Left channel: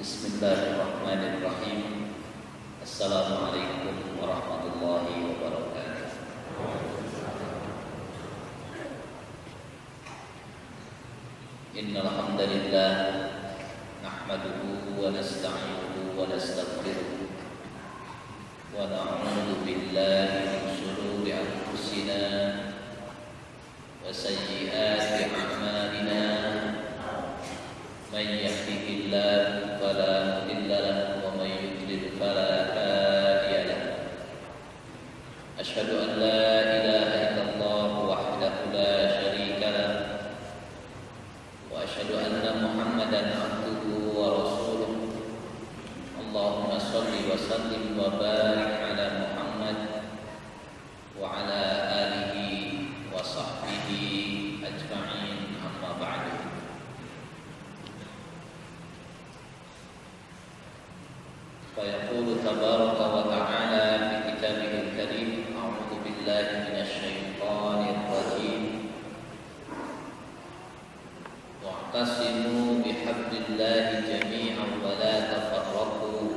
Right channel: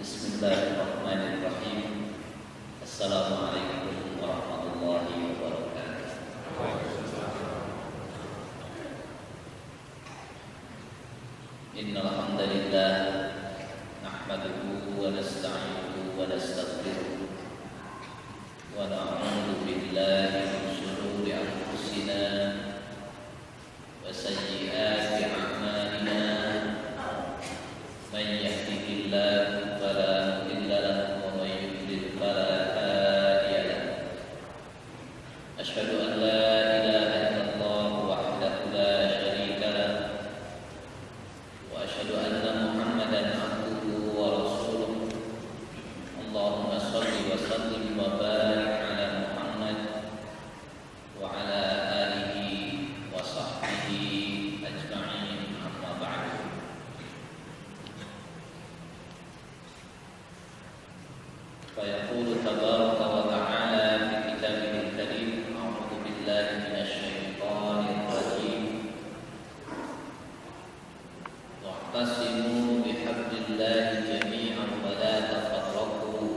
Bismillahirrahmanirrahim. Assalamualaikum warahmatullahi wabarakatuh. Innal hamdalillah nahmaduhu wa nasta'inuhu wa nastaghfiruh wa na'udzu billahi min shururi anfusina wa sayyiati a'malina. Man yahdihillahu fala mudilla lahu wa man yudlil fala hadiya lahu. Asyhadu an la ilaha illallah wahdahu la syarika lahu wa asyhadu anna Muhammadan abduhu wa rasuluh. Allahumma shalli wa sallim wa barik ala Muhammad wa ala alihi wa sahbihi ajma'in, amma ba'du. فيقول تبارك وتعالى في كتابه الكريم: أعوذ بالله من الشيطان الرجيم واعتصموا بحبل الله جميعا ولا تفرقوا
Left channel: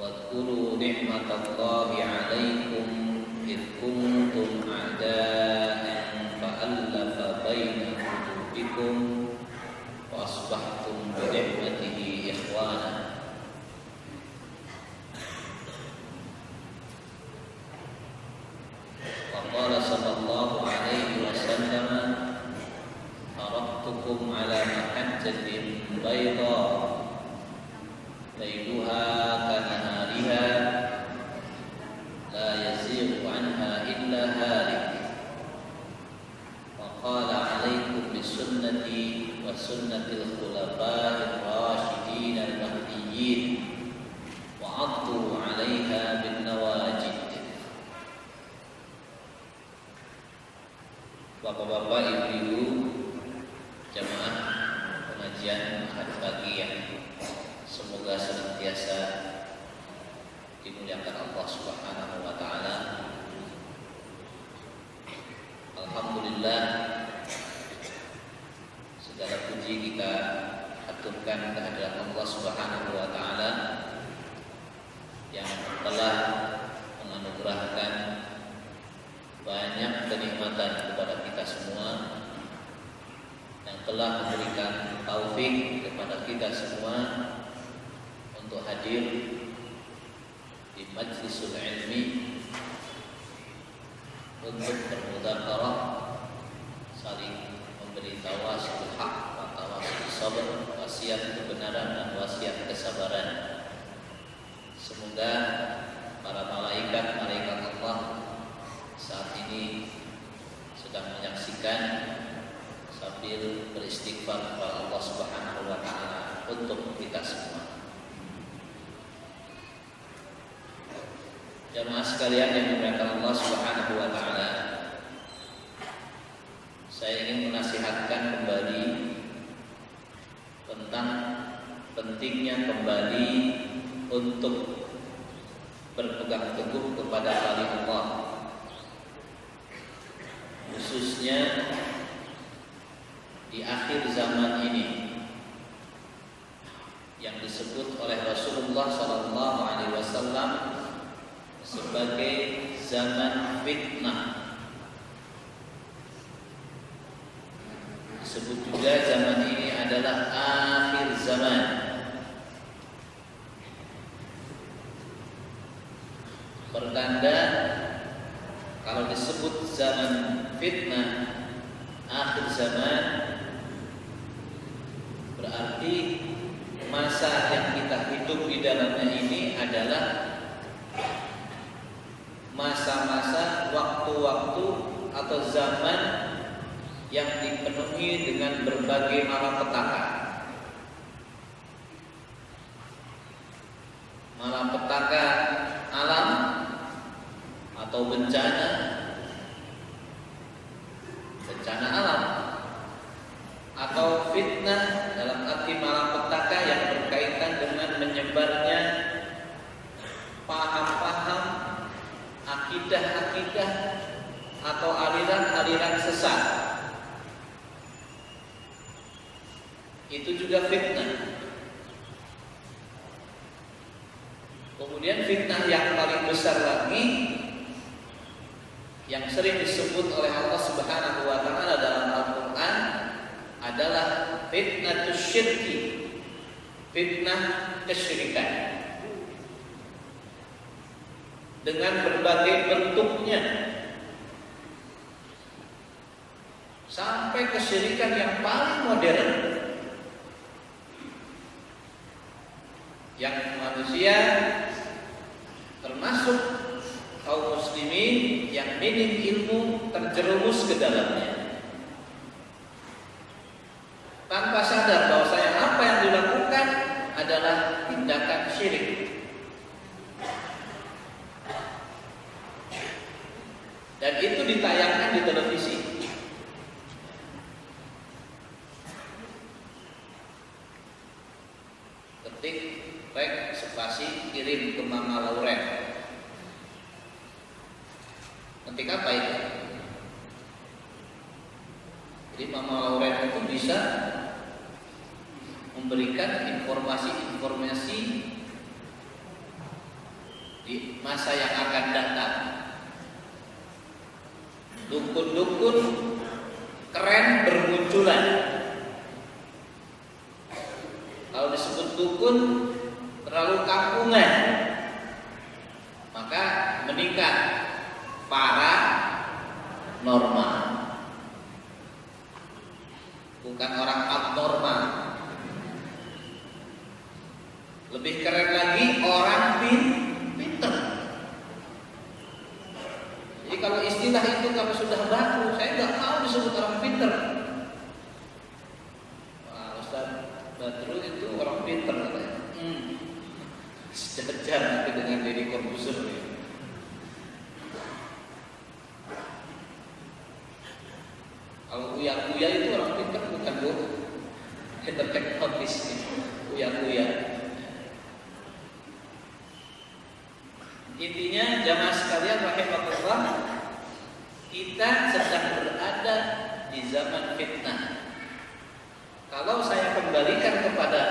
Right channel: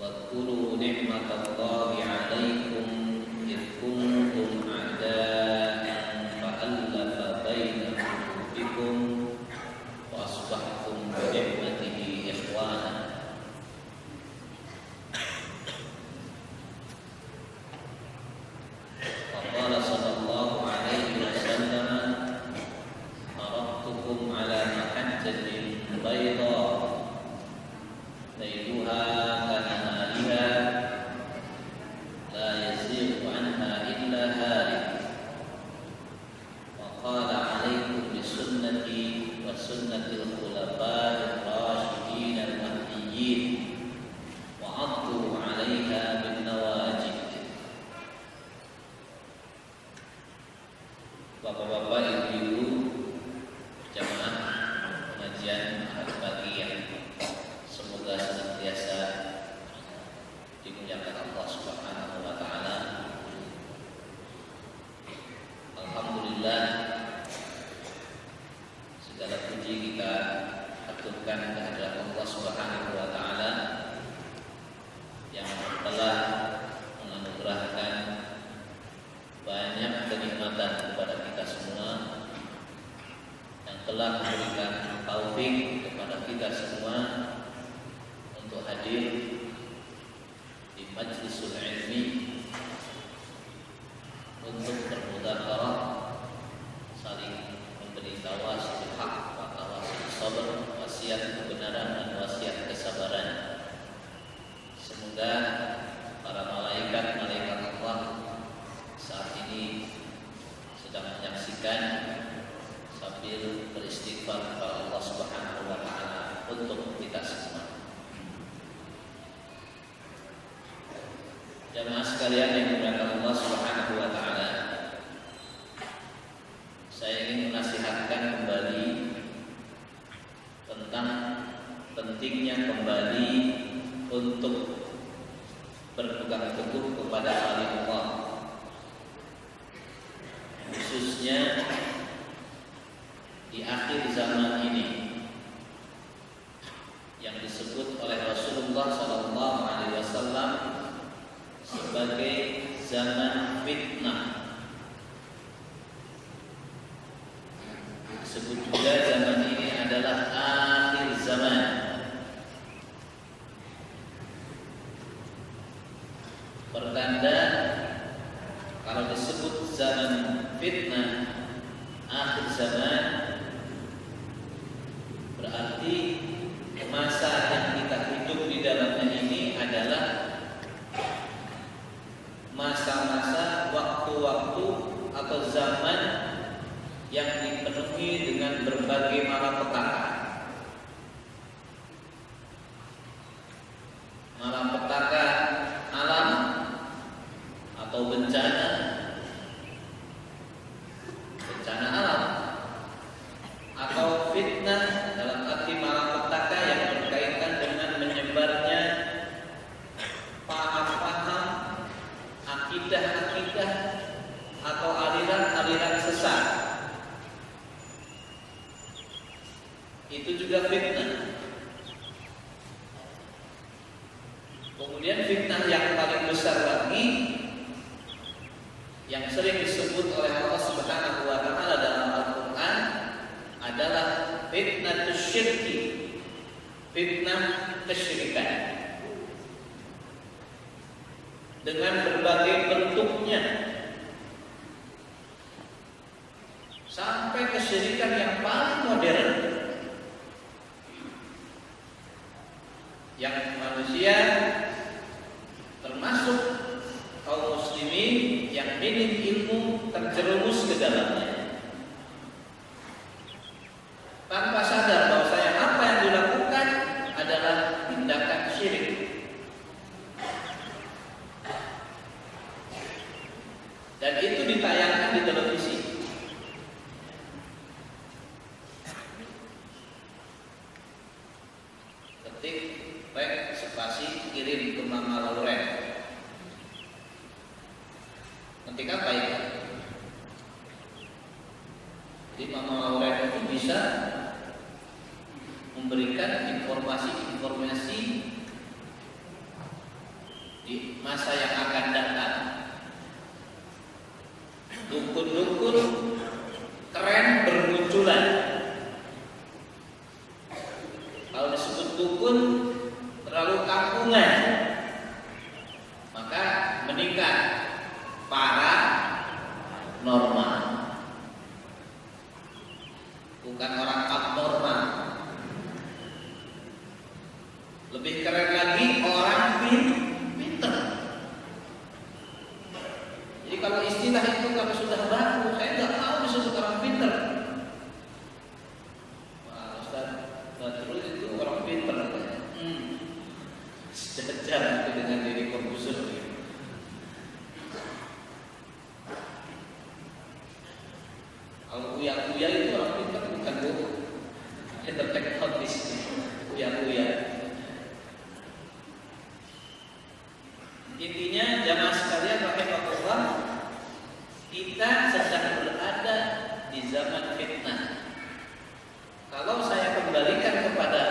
واذكروا نعمة الله عليكم إذ كنتم أعداء فألف بين قلوبكم وأصبحتم بنعمته إخوانا. وقال صلى الله عليه وسلم: تركتكم على محجة بيضاء ليلها كنهارها لا يزيغ عنها إلا هالك. وقال: عليكم بسنتي وسنة الخلفاء الراشدين المهديين وعضوا عليها بالنواجذ. Bapak-bapak, ibu-ibu, jamaah pengajian ahad pagi yang semoga senantiasa dimuliakan Allah Subhanahu wa taala. Alhamdulillah, segala puji kita aturkan kehadirat Allah Subhanahu wa taala yang telah menganugerahkan banyak kenikmatan kepada kita semua, yang telah memberikan taufik kepada kita semua untuk hadir di majlisul ilmi untuk bermudzakarah, saling memberi tawasul haq wa tawasul sabr, wasiat kebenaran dan wasiat kesabaran. Semoga para malaikat Allah saat ini sedang menyaksikan sambil beristighfar kepada Allah Subhanahu wa taala untuk kita semua. Jamaah sekalian yang dimuliakan Allah Subhanahu wa taala, saya ingin menasihatkan kembali tentang pentingnya kembali untuk berpegang teguh kepada kalimullah, khususnya di akhir zaman ini yang disebut oleh Rasulullah SAW sebagai zaman fitnah. Disebut juga zaman ini adalah akhir zaman. Pertanda kalau disebut zaman fitnah, akhir zaman, berarti masa yang kita hidup di dalamnya ini adalah masa-masa, waktu-waktu atau zaman yang dipenuhi dengan berbagai malapetaka. Malapetaka alam atau bencana alam, atau fitnah dalam arti malapetaka yang berkaitan dengan menyebarnya paham-paham, akidah-akidah atau aliran-aliran sesat itu juga fitnah. Kemudian fitnah yang paling besar lagi yang sering disebut oleh Allah Subhanahu wa taala dalam Al-Qur'an adalah fitnatus syirki, fitnah kesyirikan. Dengan berbagai bentuknya, sampai kesyirikan yang paling modern yang manusia termasuk kaum muslimin yang minim ilmu terjerumus ke dalamnya tanpa sadar bahwasanya apa yang dilakukan adalah tindakan syirik. Dan itu ditayangkan di televisi. Ketik rek spasi kirim ke Mama Lauren. Ketik apa itu? Jadi Mama Lauren itu bisa memberikan informasi-informasi di masa yang akan datang. Dukun-dukun keren bermunculan. Kalau disebut dukun terlalu kampungan, maka meningkat paranormal, bukan orang abnormal. Lebih keren lagi orang pinter. Jadi kalau istilah itu kalau sudah baku, saya nggak mau disebut orang pinter. Wah, Ustaz Badrul itu orang pinter. Sejajar nanti dengan diri Corbuzier. Kalau uya-uya itu orang pinter bukan bu, enterteknotis, uya-uya. Intinya jamaah sekalian rahimahullah, kita sedang berada di zaman fitnah. Kalau saya kembalikan kepada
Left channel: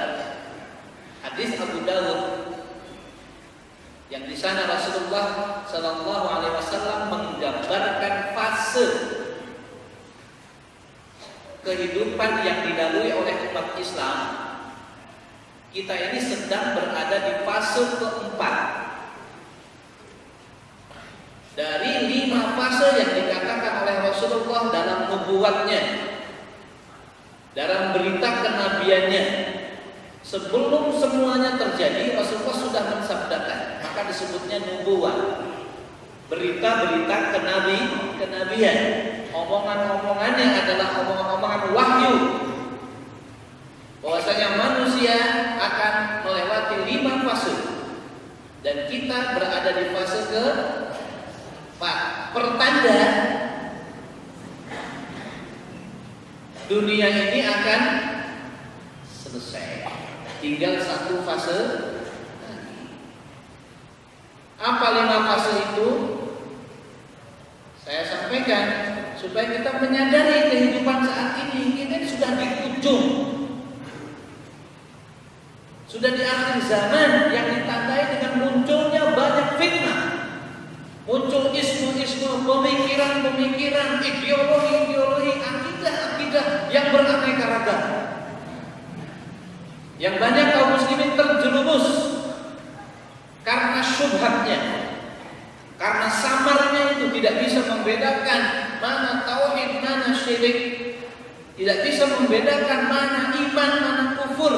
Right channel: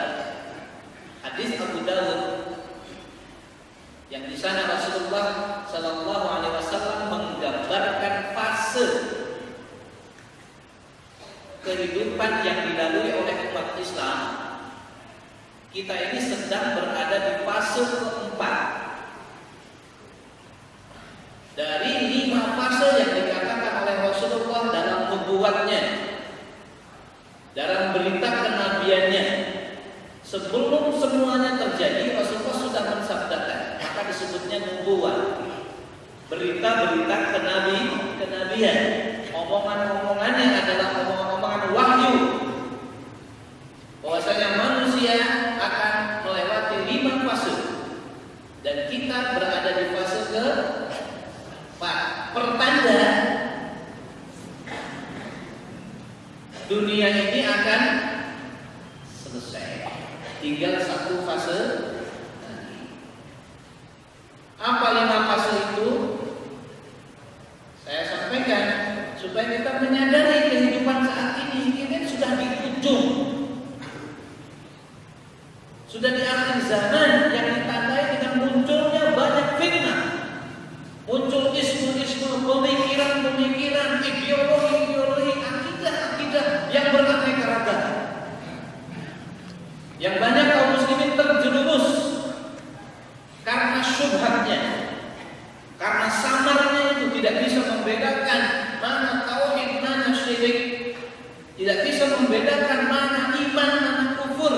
hadis Abu Dawud yang di sana Rasulullah Sallallahu Alaihi Wasallam menggambarkan fase kehidupan yang dilalui oleh umat Islam. Kita ini sedang berada di fase keempat dari 5 fase yang dikatakan oleh Rasulullah dalam nubuatnya, dalam berita kenabiannya. Sebelum semuanya terjadi, Rasulullah sudah mensabdakan, maka disebutnya nubuat. Berita-berita kenabian, omongan-omongannya adalah omongan-omongan wahyu, bahwasanya manusia akan melewati 5 fase dan kita berada di fase ke-4. Pertanda dunia ini akan selesai, tinggal 1 fase lagi. Apa 5 fase itu? Saya sampaikan supaya kita menyadari kehidupan saat ini sudah di ujung, sudah di akhir zaman yang ditandai dengan munculnya banyak fitnah. Muncul ismu-ismu, pemikiran-pemikiran, ideologi-ideologi, akidah-akidah yang beraneka ragam, yang banyak kaum muslimin terjerumus karena syubhatnya, karena samarnya itu tidak bisa membedakan mana tauhid, mana syirik, tidak bisa membedakan mana iman, mana kufur,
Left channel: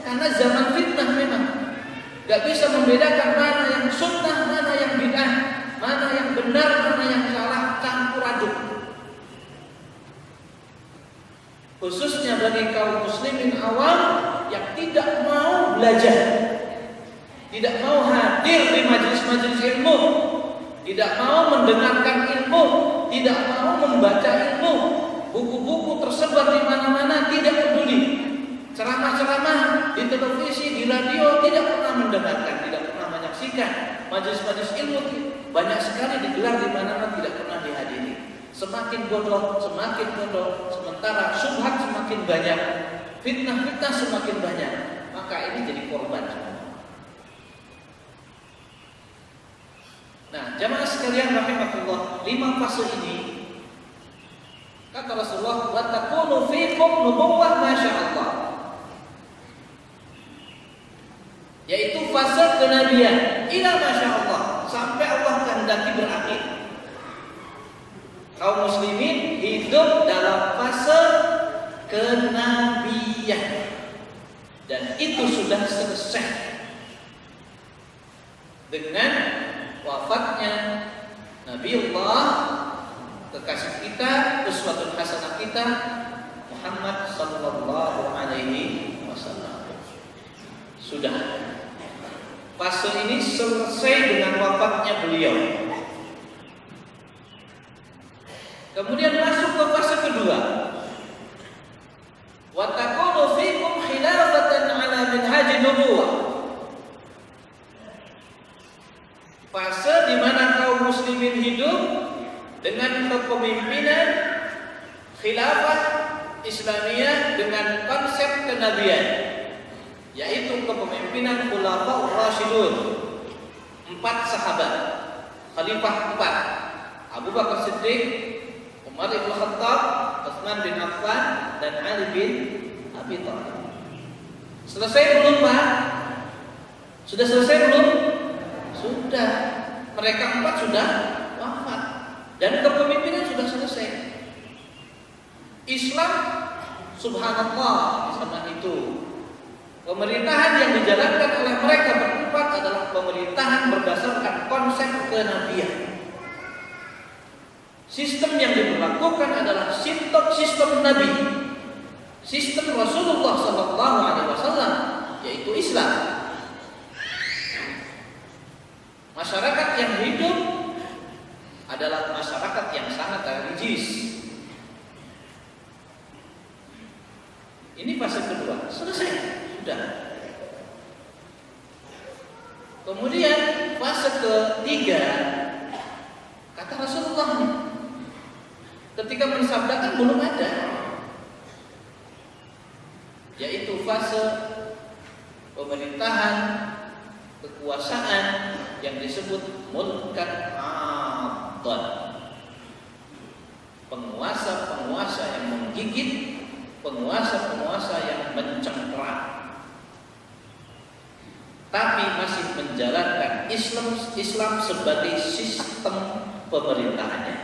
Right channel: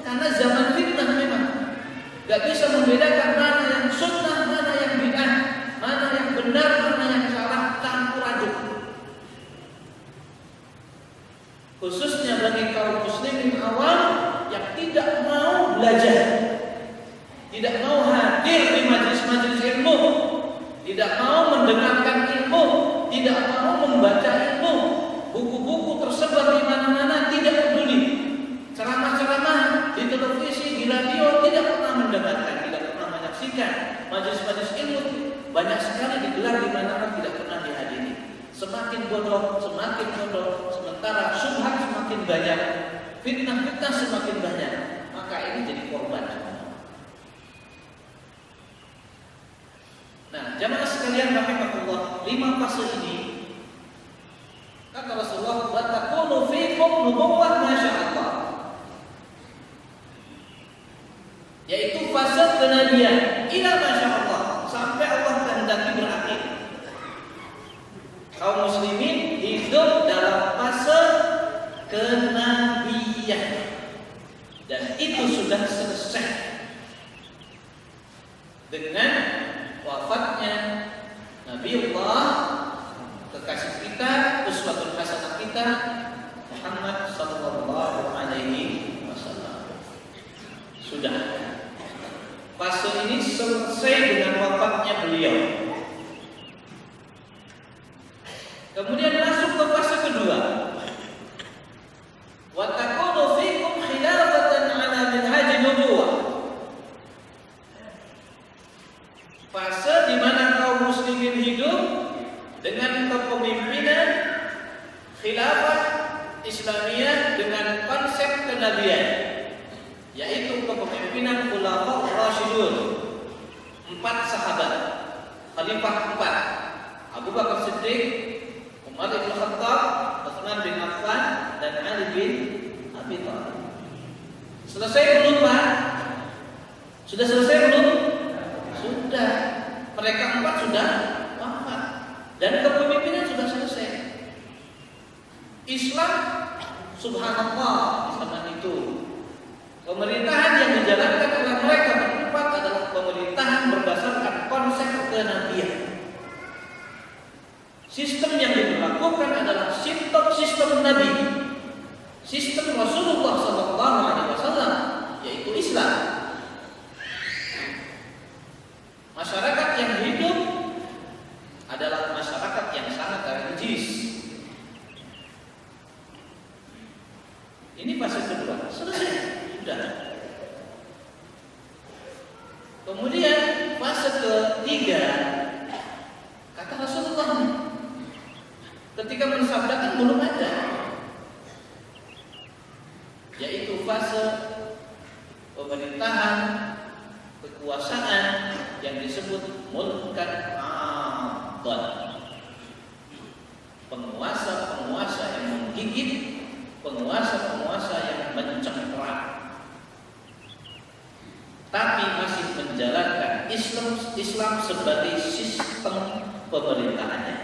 karena zaman fitnah memang tidak bisa membedakan mana yang sunnah, mana yang bid'ah, mana yang benar, mana yang salah, campur aduk. Khususnya bagi kaum muslimin awam yang tidak mau belajar, tidak mau hadir di majelis-majelis ilmu, tidak mau mendengarkan ilmu, tidak mau membaca ilmu, buku-buku tersebar di mana-mana, tidak peduli. Ceramah-ceramah di televisi, di radio, tidak pernah mendengarkan, tidak pernah menyaksikan. Majelis-majelis ilmu banyak sekali digelar di mana-mana, tidak pernah dihadiri. Semakin bodoh, sementara syubhat semakin banyak. fitnah-fitnah semakin banyak, maka ini jadi korban semua. Nah, jamaah sekalian rahimakumullah, 5 fase ini kata Rasulullah, wa takunu fikum nubuwwah masyaallah, yaitu fase kenabian ila masyaallah, sampai Allah kehendaki berakhir. Kaum muslimin hidup dalam fase kenabian, dan itu sudah selesai dengan wafatnya Nabiullah kekasih kita, uswatun hasanah kita, Muhammad sallallahu alaihi wasallam. Sudah fase ini selesai dengan wafatnya beliau. Kemudian masuk ke fase kedua. Wa takunu fikum khilafatan ala minhajin nubuwah. Fase di mana kaum muslimin hidup dengan kepemimpinan khilafah Islamiyah dengan konsep kenabian, yaitu kepemimpinan khulafaur rasyidun, 4 sahabat, khalifah 4, Abu Bakar Siddiq, Umar bin Khattab, Utsman bin Affan, dan Ali bin Abi Thalib. Selesai belum, Pak? Sudah selesai belum? Sudah. Mereka 4 sudah wafat dan kepemimpinan sudah selesai. Islam, subhanallah, di zaman itu pemerintahan yang dijalankan oleh mereka berempat adalah pemerintahan berdasarkan konsep kenabian. Sistem yang diberlakukan adalah sistem Nabi, sistem Rasulullah Sallallahu Alaihi Wasallam, yaitu Islam. Masyarakat yang hidup adalah masyarakat yang sangat religius. Ini fase kedua, selesai, sudah. Kemudian fase ketiga, kata Rasulullah, ketika mensabdakan belum ada, yaitu fase pemerintahan kekuasaan yang disebut mulkan adhan, penguasa-penguasa yang menggigit, penguasa-penguasa yang mencengkeram, tapi masih menjalankan Islam sebagai sistem pemerintahannya.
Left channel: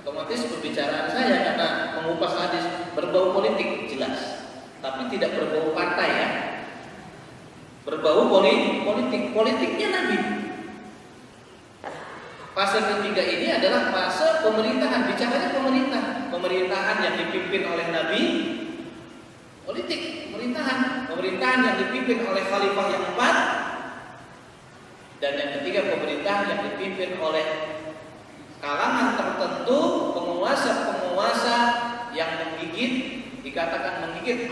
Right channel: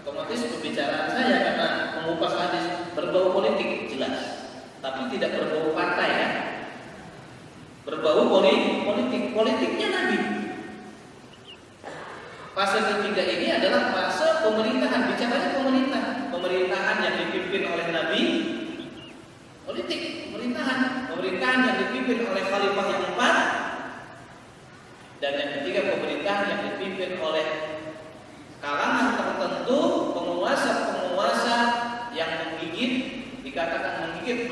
Otomatis pembicaraan saya karena mengupas hadis berbau politik jelas, tapi tidak berbau partai ya. Berbau politiknya Nabi. Fase ketiga ini adalah fase pemerintahan, bicaranya pemerintahan yang dipimpin oleh Nabi, pemerintahan yang dipimpin oleh khalifah yang 4, dan yang ketiga pemerintahan yang dipimpin oleh kalangan tertentu, penguasa-penguasa yang menggigit, dikatakan menggigit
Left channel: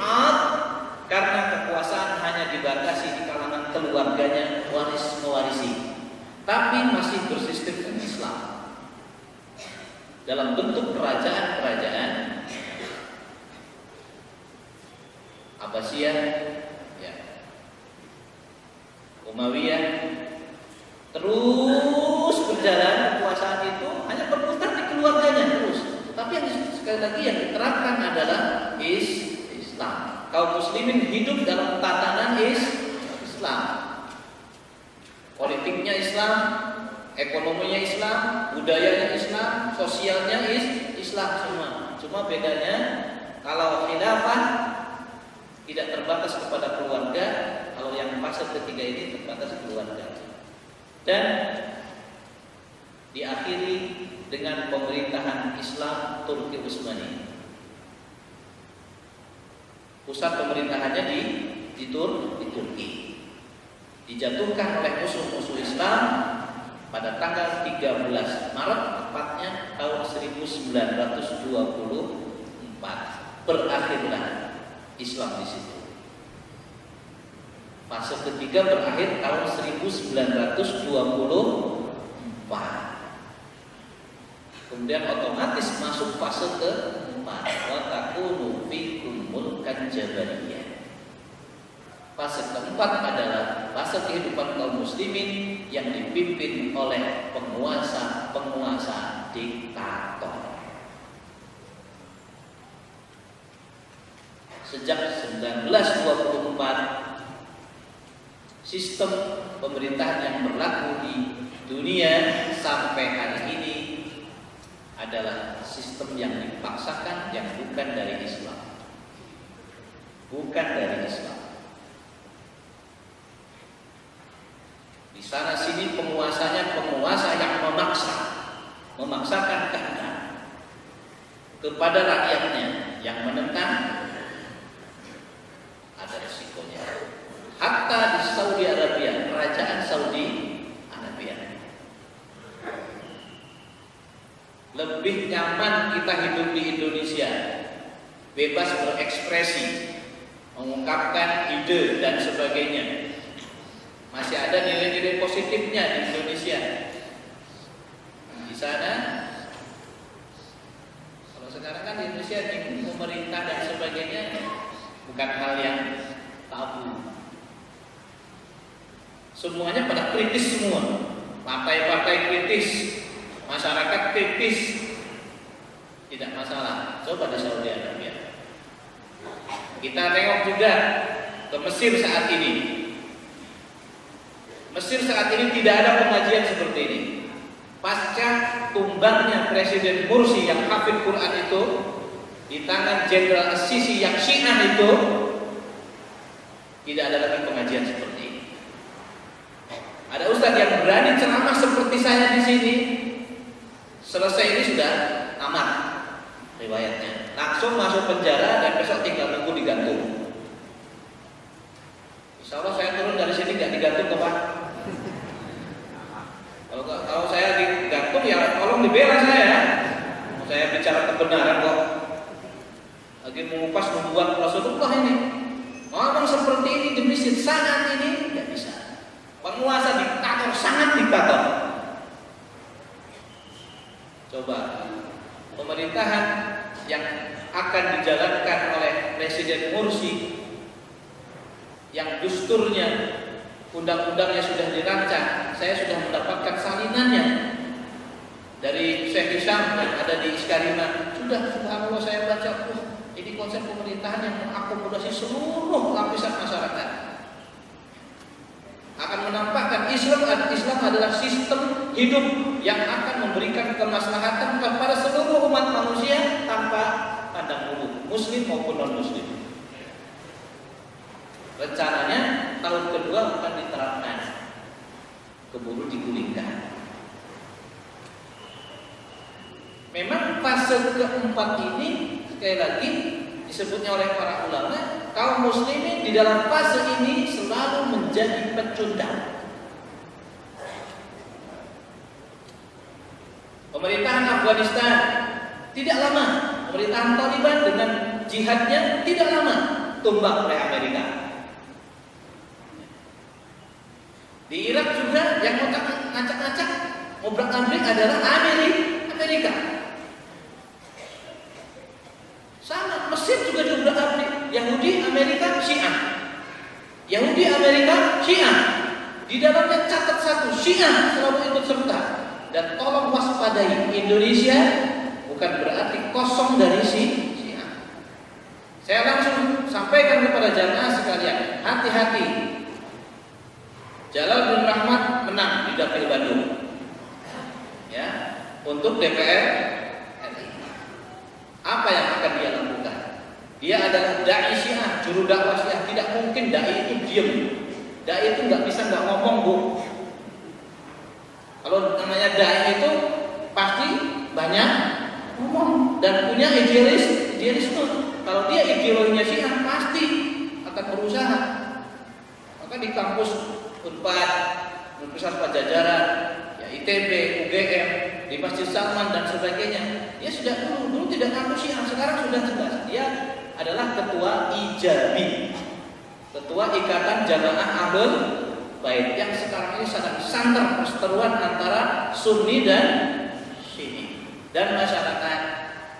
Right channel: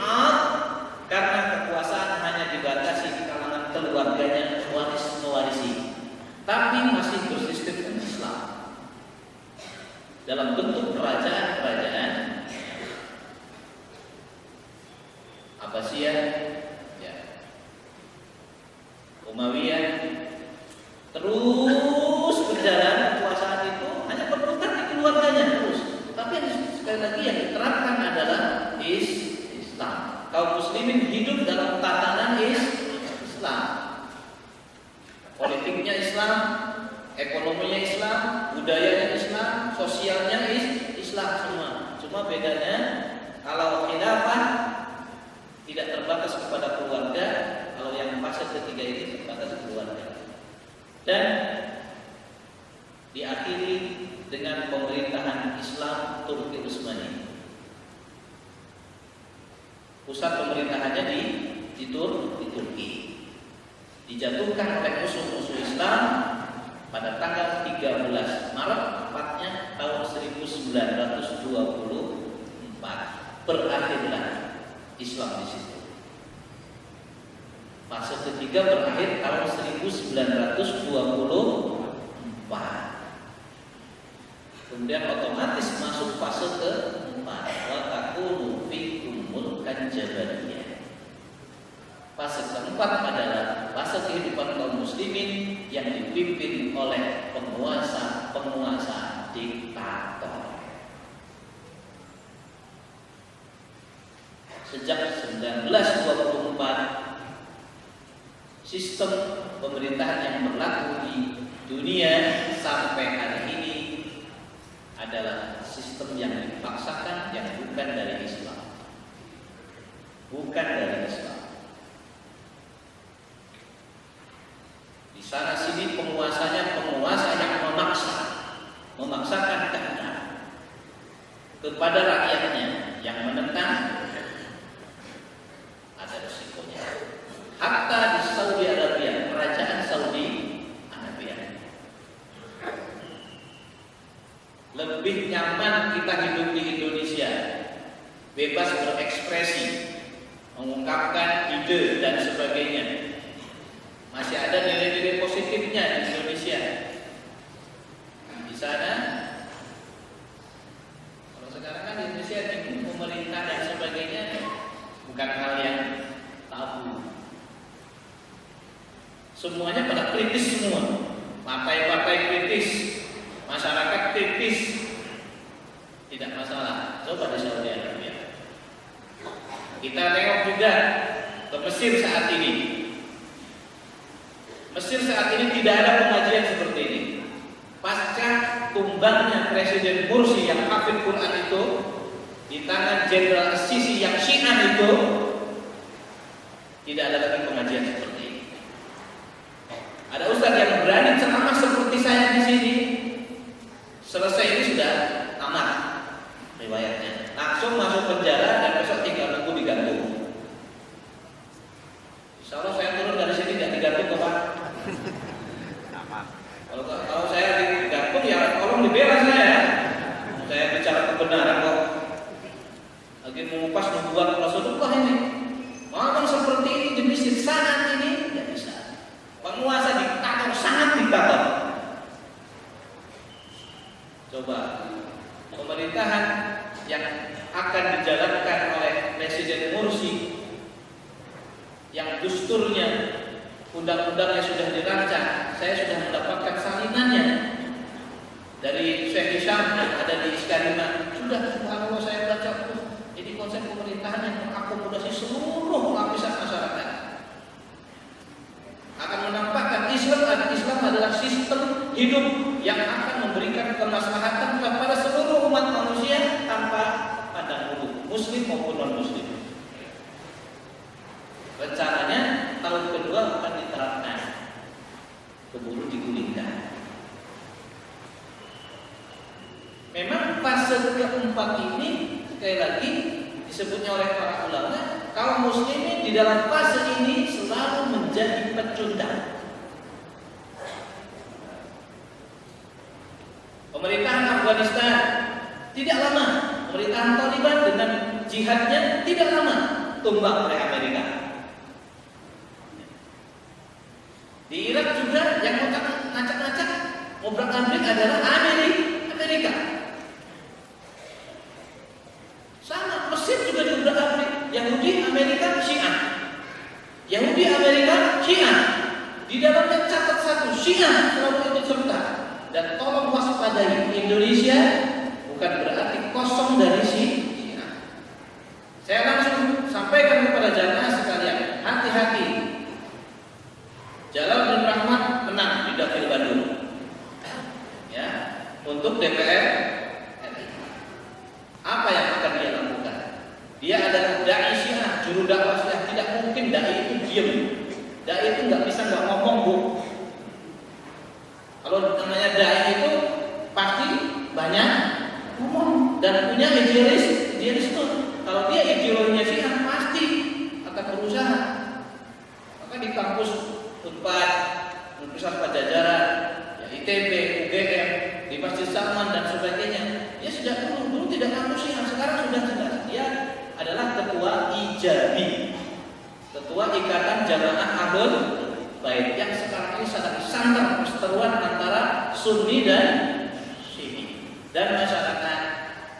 karena kekuasaan hanya dibatasi di kalangan keluarganya, mewarisi, tapi masih bersistem Islam dalam bentuk kerajaan-kerajaan Abbasiyah, ya, Umayyah, terus berjalan kekuasaan itu hanya berputar di keluarganya terus. Tapi yang sekali lagi yang diterapkan adalah Islam. Kaum muslimin hidup dalam tatanan Islam. Politiknya Islam, ekonominya Islam, budayanya Islam, sosialnya Islam semua. Cuma bedanya kalau khilafah tidak terbatas kepada keluarga, kalau yang fase ketiga ini terbatas keluarga. Dan diakhiri dengan pemerintahan Islam Turki Utsmani. Pusat pemerintahannya di Turki. Dijatuhkan oleh musuh-musuh Islam pada tanggal 13 Maret tepatnya tahun 1924. Berakhirlah Islam di situ. Fase ketiga berakhir tahun 1924. Kemudian otomatis masuk fase keempat. takunu fikum mulkan jabariyah. Fase keempat adalah fase kehidupan kaum muslimin yang dipimpin oleh penguasa diktator. Sejak 1924 sistem pemerintahan yang berlaku di dunia sampai hari ini adalah sistem yang dipaksakan, yang bukan dari Islam. Bukan dari Islam. Di sana sini penguasanya penguasa yang memaksakan kehendak kepada rakyatnya, yang menentang ada resikonya. Hatta di Saudi Arabia, kerajaan Saudi Arabia, lebih nyaman kita hidup di Indonesia, bebas berekspresi, mengungkapkan ide dan sebagainya. Masih ada nilai-nilai positifnya di Indonesia. Di sana, kalau sekarang kan di Indonesia bingung pemerintah dan sebagainya, bukan hal yang tabu. Semuanya pada kritis semua, partai-partai kritis, masyarakat kritis, tidak masalah. Coba di Saudi Arabia. Kita tengok juga ke Mesir saat ini. Mesir saat ini tidak ada pengajian seperti ini. Pasca tumbangnya Presiden Mursi yang hafid Quran itu di tangan Jenderal As-Sisi yang Syiah itu, tidak ada lagi pengajian seperti ini. Ada ustadz yang berani ceramah seperti saya di sini, selesai ini sudah tamat riwayatnya, langsung masuk penjara dan besok tinggal nunggu digantung. Insya Allah saya turun dari sini nggak digantung kok Pak. Kalau saya digantung ya tolong dibela saya. Saya bicara kebenaran kok. Lagi mengupas membuat Rasulullah ini. Ngomong seperti ini di Mesir saat ini tidak bisa. Penguasa diktator, sangat diktator. Coba pemerintahan yang akan dijalankan oleh Presiden Mursi, yang dusturnya, undang-undangnya sudah dirancang. Saya sudah mendapatkan salinannya dari Syekh Hisham yang ada di Iskarima. Sudah, subhanallah, saya baca, ini konsep pemerintahan yang mengakomodasi seluruh lapisan masyarakat. Akan menampakkan Islam adalah sistem hidup yang akan memberikan kemaslahatan kepada seluruh umat manusia tanpa pandang bulu, muslim maupun non-muslim. Rencananya tahun kedua akan diterapkan, keburu digulingkan. Memang fase keempat ini sekali lagi disebutnya oleh para ulama, kaum muslimin di dalam fase ini selalu menjadi pecundang. Pemerintahan Afghanistan tidak lama, pemerintahan Taliban dengan jihadnya tidak lama tumbang oleh Amerika. Di Irak juga yang ngacak-ngacak ngobrak-ngabrik adalah Amerika. Sama, Mesir juga diobrak-abrik. Yahudi, Amerika, Syiah. Yahudi, Amerika, Syiah. Di dalamnya catat satu, Syiah selalu ikut serta. Dan tolong waspadai, Indonesia bukan berarti kosong dari Syiah. Saya langsung sampaikan kepada jamaah sekalian, hati-hati. Jalal bin Rahmat menang di Dapil Bandung, ya, untuk DPR RI. Apa yang akan dia lakukan? Dia adalah dai Syiah, juru dakwah Syiah. Tidak mungkin dai itu diam. Dai itu nggak bisa nggak ngomong, Bu. Kalau namanya dai itu pasti banyak ngomong dan punya idealisme. Kalau dia ideologinya Syiah pasti akan berusaha. Maka di kampus Unpad, Universitas Pajajaran, ya ITB, UGM, di Masjid Salman dan sebagainya, dia sudah dulu tidak ngaku Syiah, sekarang sudah jelas dia adalah ketua IJABI, ketua Ikatan Jamaah Ahlul Bait, yang sekarang ini sangat santer perseteruan antara Sunni dan Syi'i, dan masyarakat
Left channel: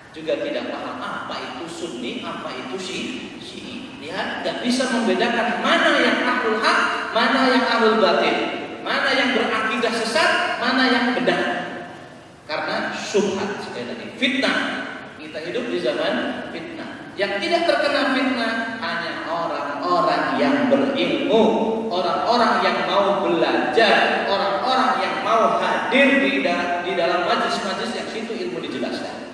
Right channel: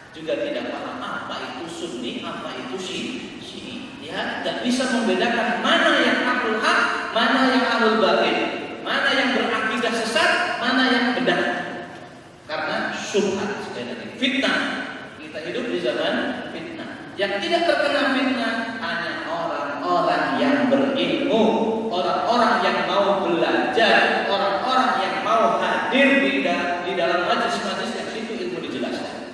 juga tidak paham apa itu Sunni, apa itu Syi'i. Lihat, nggak bisa membedakan mana yang ahlul haq, mana yang ahlul batil, mana yang berakidah sesat, mana yang benar. Karena syubhat, sekali lagi, fitnah. Kita hidup di zaman fitnah. Yang tidak terkena fitnah hanya orang-orang yang berilmu, orang-orang yang mau belajar, orang-orang yang mau hadir di dalam majlis-majlis yang situ ilmu dijelaskan.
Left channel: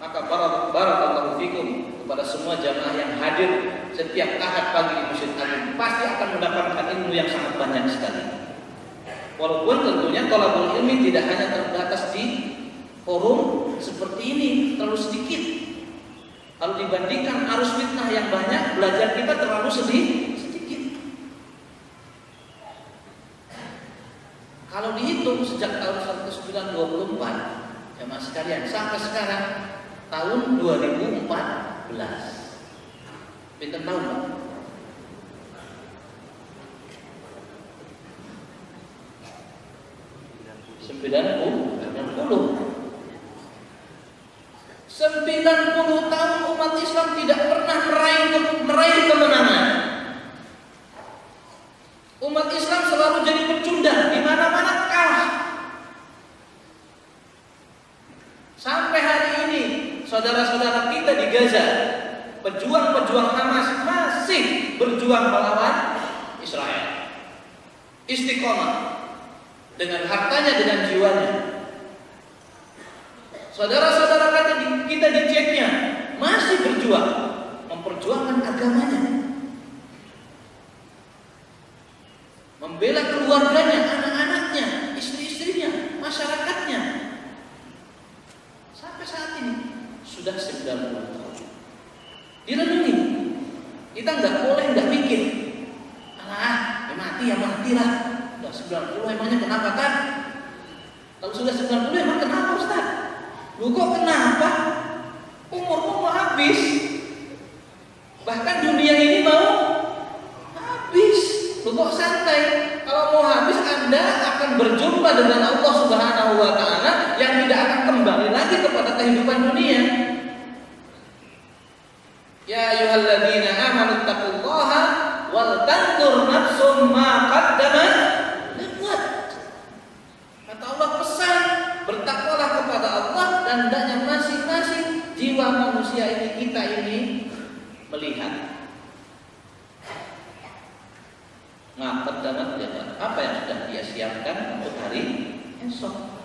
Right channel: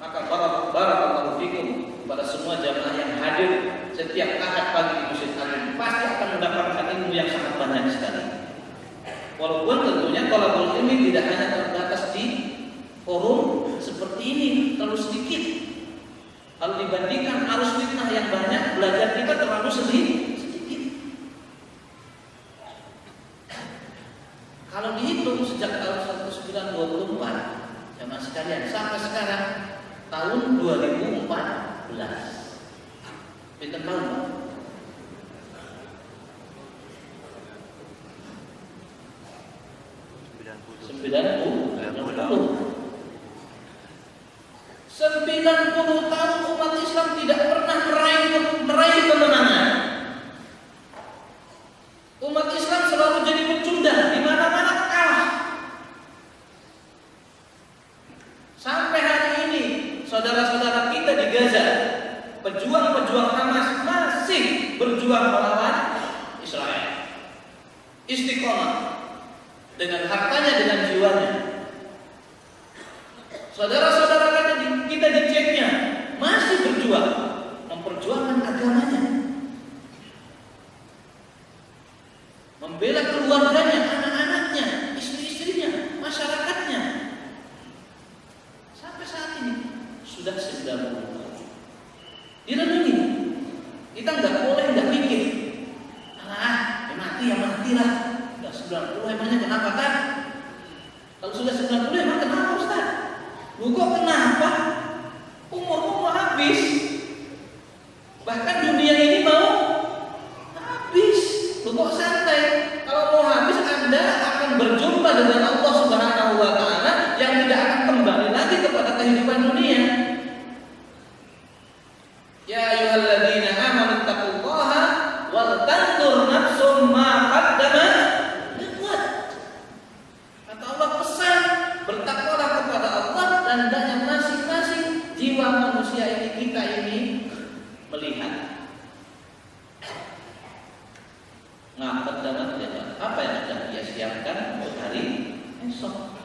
Maka barakallahu fikum kepada semua jamaah yang hadir setiap ahad pagi di Masjid Agung, pasti akan mendapatkan ilmu yang sangat banyak sekali. Walaupun tentunya thalabul ilmi tidak hanya terbatas di forum seperti ini, terlalu sedikit. Kalau dibandingkan arus fitnah yang banyak, belajar kita terlalu sedikit. Kalau dihitung sejak tahun 1924, jamaah sekalian, sampai sekarang tahun 2014. Pinten tahun, Pak? 90 tahun umat Islam tidak pernah meraih kemenangan. Umat Islam selalu jadi pecundang, di mana-mana kalah. Sampai hari ini, saudara-saudara kita di Gaza, pejuang-pejuang Hamas masih berjuang melawan Israel. Istiqomah dengan hartanya, dengan jiwanya. Saudara-saudara kita di Chechnya masih berjuang, memperjuangkan agamanya, membela keluarganya, anak-anaknya, istri-istrinya, masyarakatnya. Sampai saat ini sudah 90 tahun. Direnungi, kita nggak mikir, mati ya matilah. Udah 90 emangnya kenapa kan? Kalau sudah 90 emang kenapa Ustaz? Lu kok kenapa? Umurmu mau habis. Bahkan dunia ini mau habis. Lu kok santai? Kalau mau habis Anda akan berjumpa dengan Allah Subhanahu wa taala yang tidak akan kembali lagi kepada kehidupan dunia. Ya ayyuhalladzina amanu taqullaha wal tanzur nafsum ma qaddamat lighad. Kata Allah pesan, bertakwalah kepada Allah dan hendaknya masing-masing jiwa manusia ini, kita ini melihat qaddamat lighad, apa yang sudah dia siapkan untuk hari esok.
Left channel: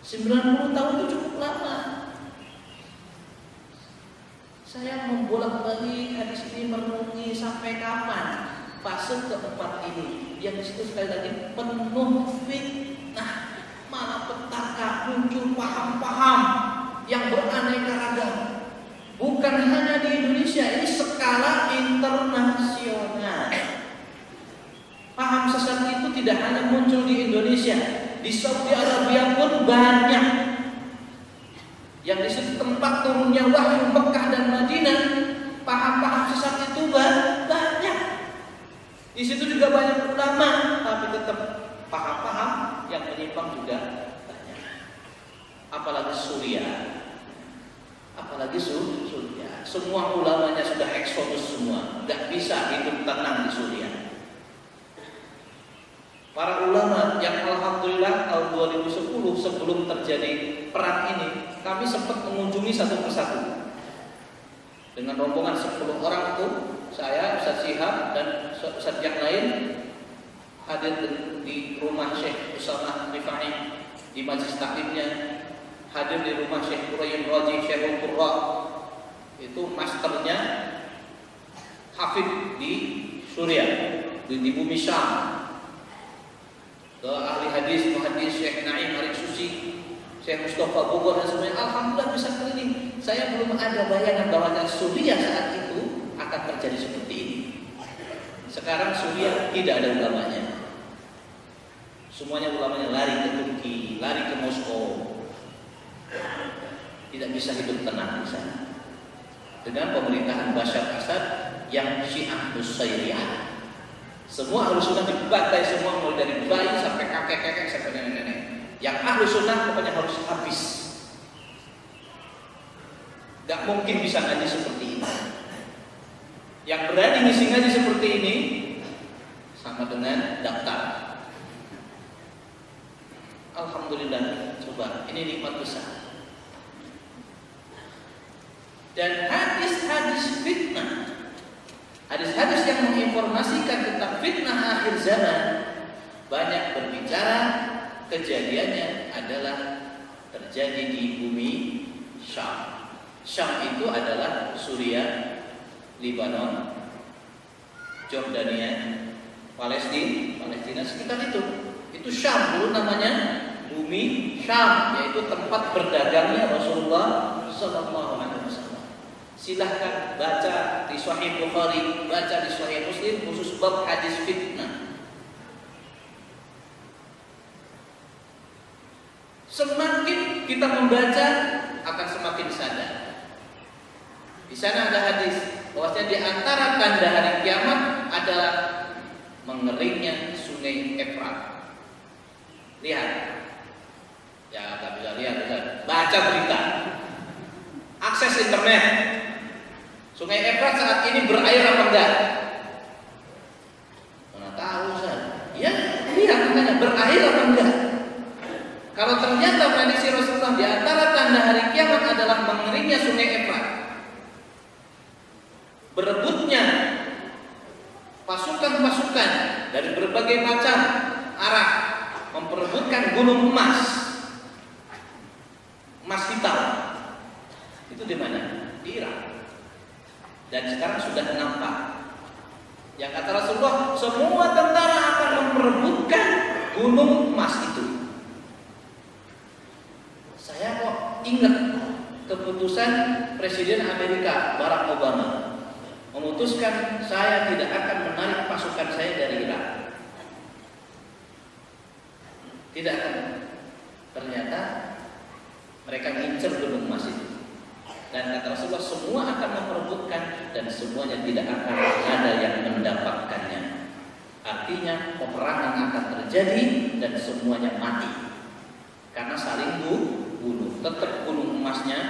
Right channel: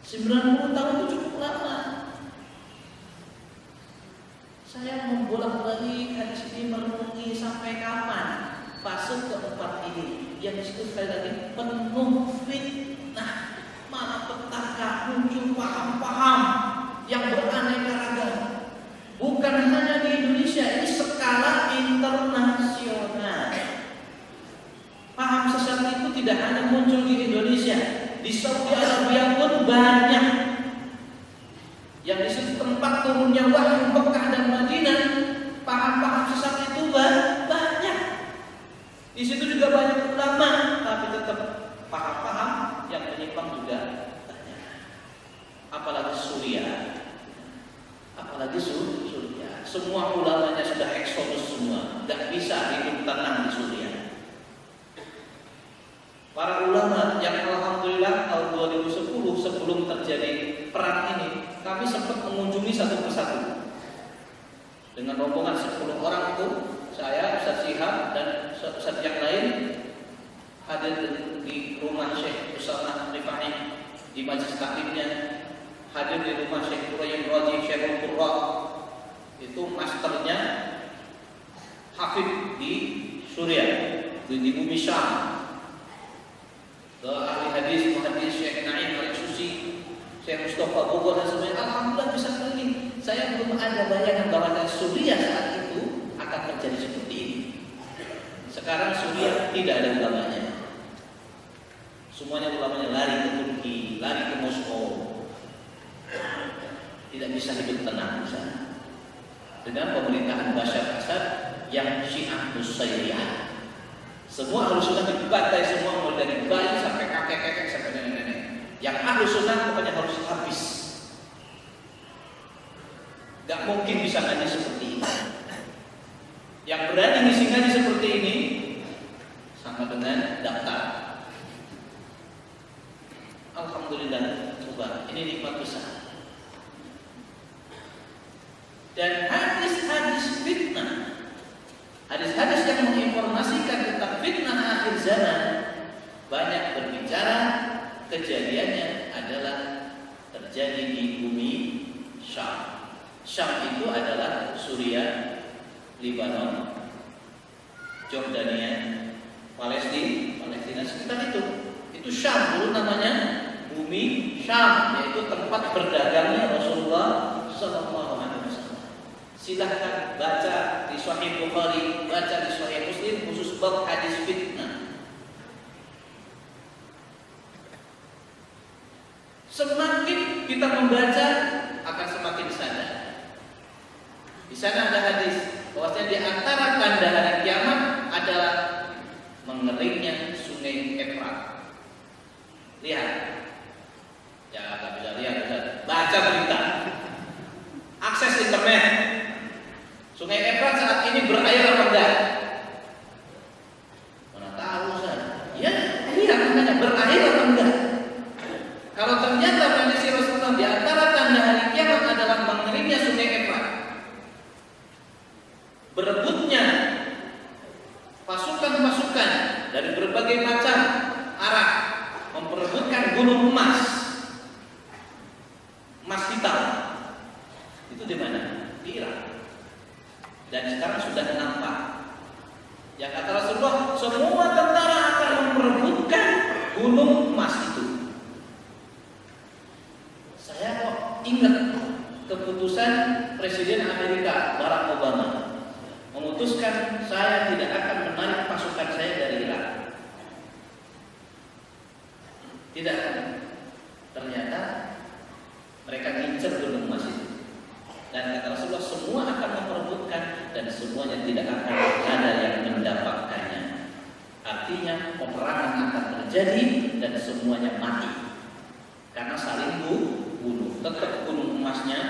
90 tahun itu cukup lama. Saya membolak-balik hadis ini, merenungi sampai kapan fase keempat ini, yang disitu sekali lagi penuh fitnah, malapetaka, muncul paham-paham yang beraneka ragam. Bukan hanya di Indonesia, ini skala internasional. Paham sesat itu tidak hanya muncul di Indonesia, di Saudi Arabia pun banyak. Yang di situ tempat turunnya wahyu Mekah dan Madinah, paham-paham sesat itu banyak. Di situ juga banyak ulama, tapi tetap paham-paham yang menyimpang juga banyak. Apalagi Suriah, apalagi Suriah. Semua ulamanya sudah eksodus semua, nggak bisa hidup tenang di Suriah. Para ulama yang alhamdulillah tahun 2010 sebelum terjadi perang ini, kami sempat mengunjungi satu persatu dengan rombongan 10 orang itu. Saya, Ustaz Syihab dan Ustaz yang lain hadir di rumah Syekh Usamah Rifai di majlis taklimnya, hadir di rumah Syekh Qurayyim Raji Syekhul Qurra, itu masternya hafid di Suriah, di bumi Syam. Ke ahli hadis, muhaddis Syekh Naim Arif Susi, Syekh Mustafa Bogor dan semuanya. Alhamdulillah bisa keliling. Saya belum ada bayangan bahwa Suriah saat itu akan terjadi seperti ini. Sekarang Suriah tidak ada ulamanya. Semuanya ulamanya lari ke Turki, lari ke Moskow. Tidak bisa hidup tenang di sana. Dengan pemerintahan Bashar Assad yang Syiah Nusairiyah. Semua ahlu sunnah dibantai semua, mulai dari bayi sampai kakek-kakek sampai nenek-nenek. Yang ahlu sunnah pokoknya harus habis. Gak mungkin bisa ngaji seperti ini. Yang berani ngisi ngaji seperti ini sama dengan daftar. Alhamdulillah, coba ini nikmat besar. Dan hadis-hadis fitnah, hadis-hadis yang menginformasikan tentang fitnah akhir zaman banyak berbicara kejadiannya adalah terjadi di bumi Syam. Syam itu adalah Suriah, Lebanon, Jordania, Palestina sekitar itu. Itu Syam dulu namanya, bumi Syam, yaitu tempat berdagangnya Rasulullah SAW. Silahkan baca di Sahih Bukhari, baca di Sahih Muslim khusus bab hadis fitnah. Semakin kita membaca akan semakin sadar. Di sana ada hadis bahwasanya di antara tanda hari kiamat adalah mengeringnya sungai Efrat. Lihat, ya nggak bisa lihat, baca berita, akses internet. Sungai Efrat saat ini berair apa enggak? Mana tahu Ustaz? Ya, lihat makanya berair apa enggak? Kalau ternyata prediksi Rasulullah di antara tanda hari kiamat adalah mengeringnya sungai Efrat, berebutnya pasukan-pasukan dari berbagai macam arah memperebutkan gunung emas hitam. Itu di mana? Di Irak. Dan sekarang sudah nampak. Yang kata Rasulullah, semua tentara akan memperebutkan gunung emas itu. Saya kok ingat keputusan Presiden Amerika Barack Obama memutuskan saya tidak akan menarik pasukan saya dari Irak. Tidak akan. Ternyata mereka ngincer gunung emas itu. Dan kata Rasulullah, semua akan memperebutkan dan semuanya tidak akan ada yang mendapatkannya. Artinya peperangan akan terjadi dan semuanya mati karena saling bunuh. Tetap gunung emasnya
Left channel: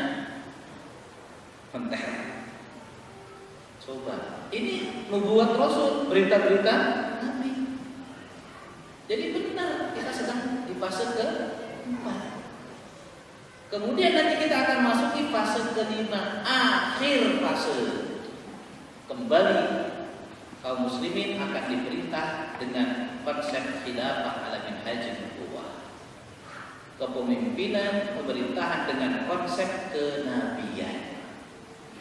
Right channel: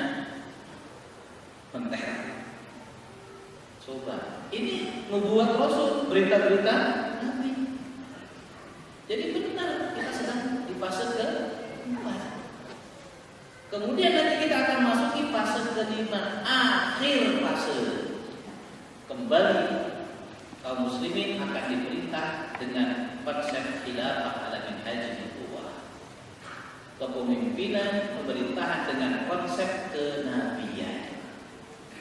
menteh. Coba, ini nubuat Rasul, berita-berita Nabi. Jadi benar kita sedang di fase ke-4. Kemudian nanti kita akan masuk di fase ke-5, akhir fase. Kembali kaum muslimin akan diperintah dengan konsep khilafah ala minhajin nubuwah. Kepemimpinan, pemerintahan dengan konsep kenabian.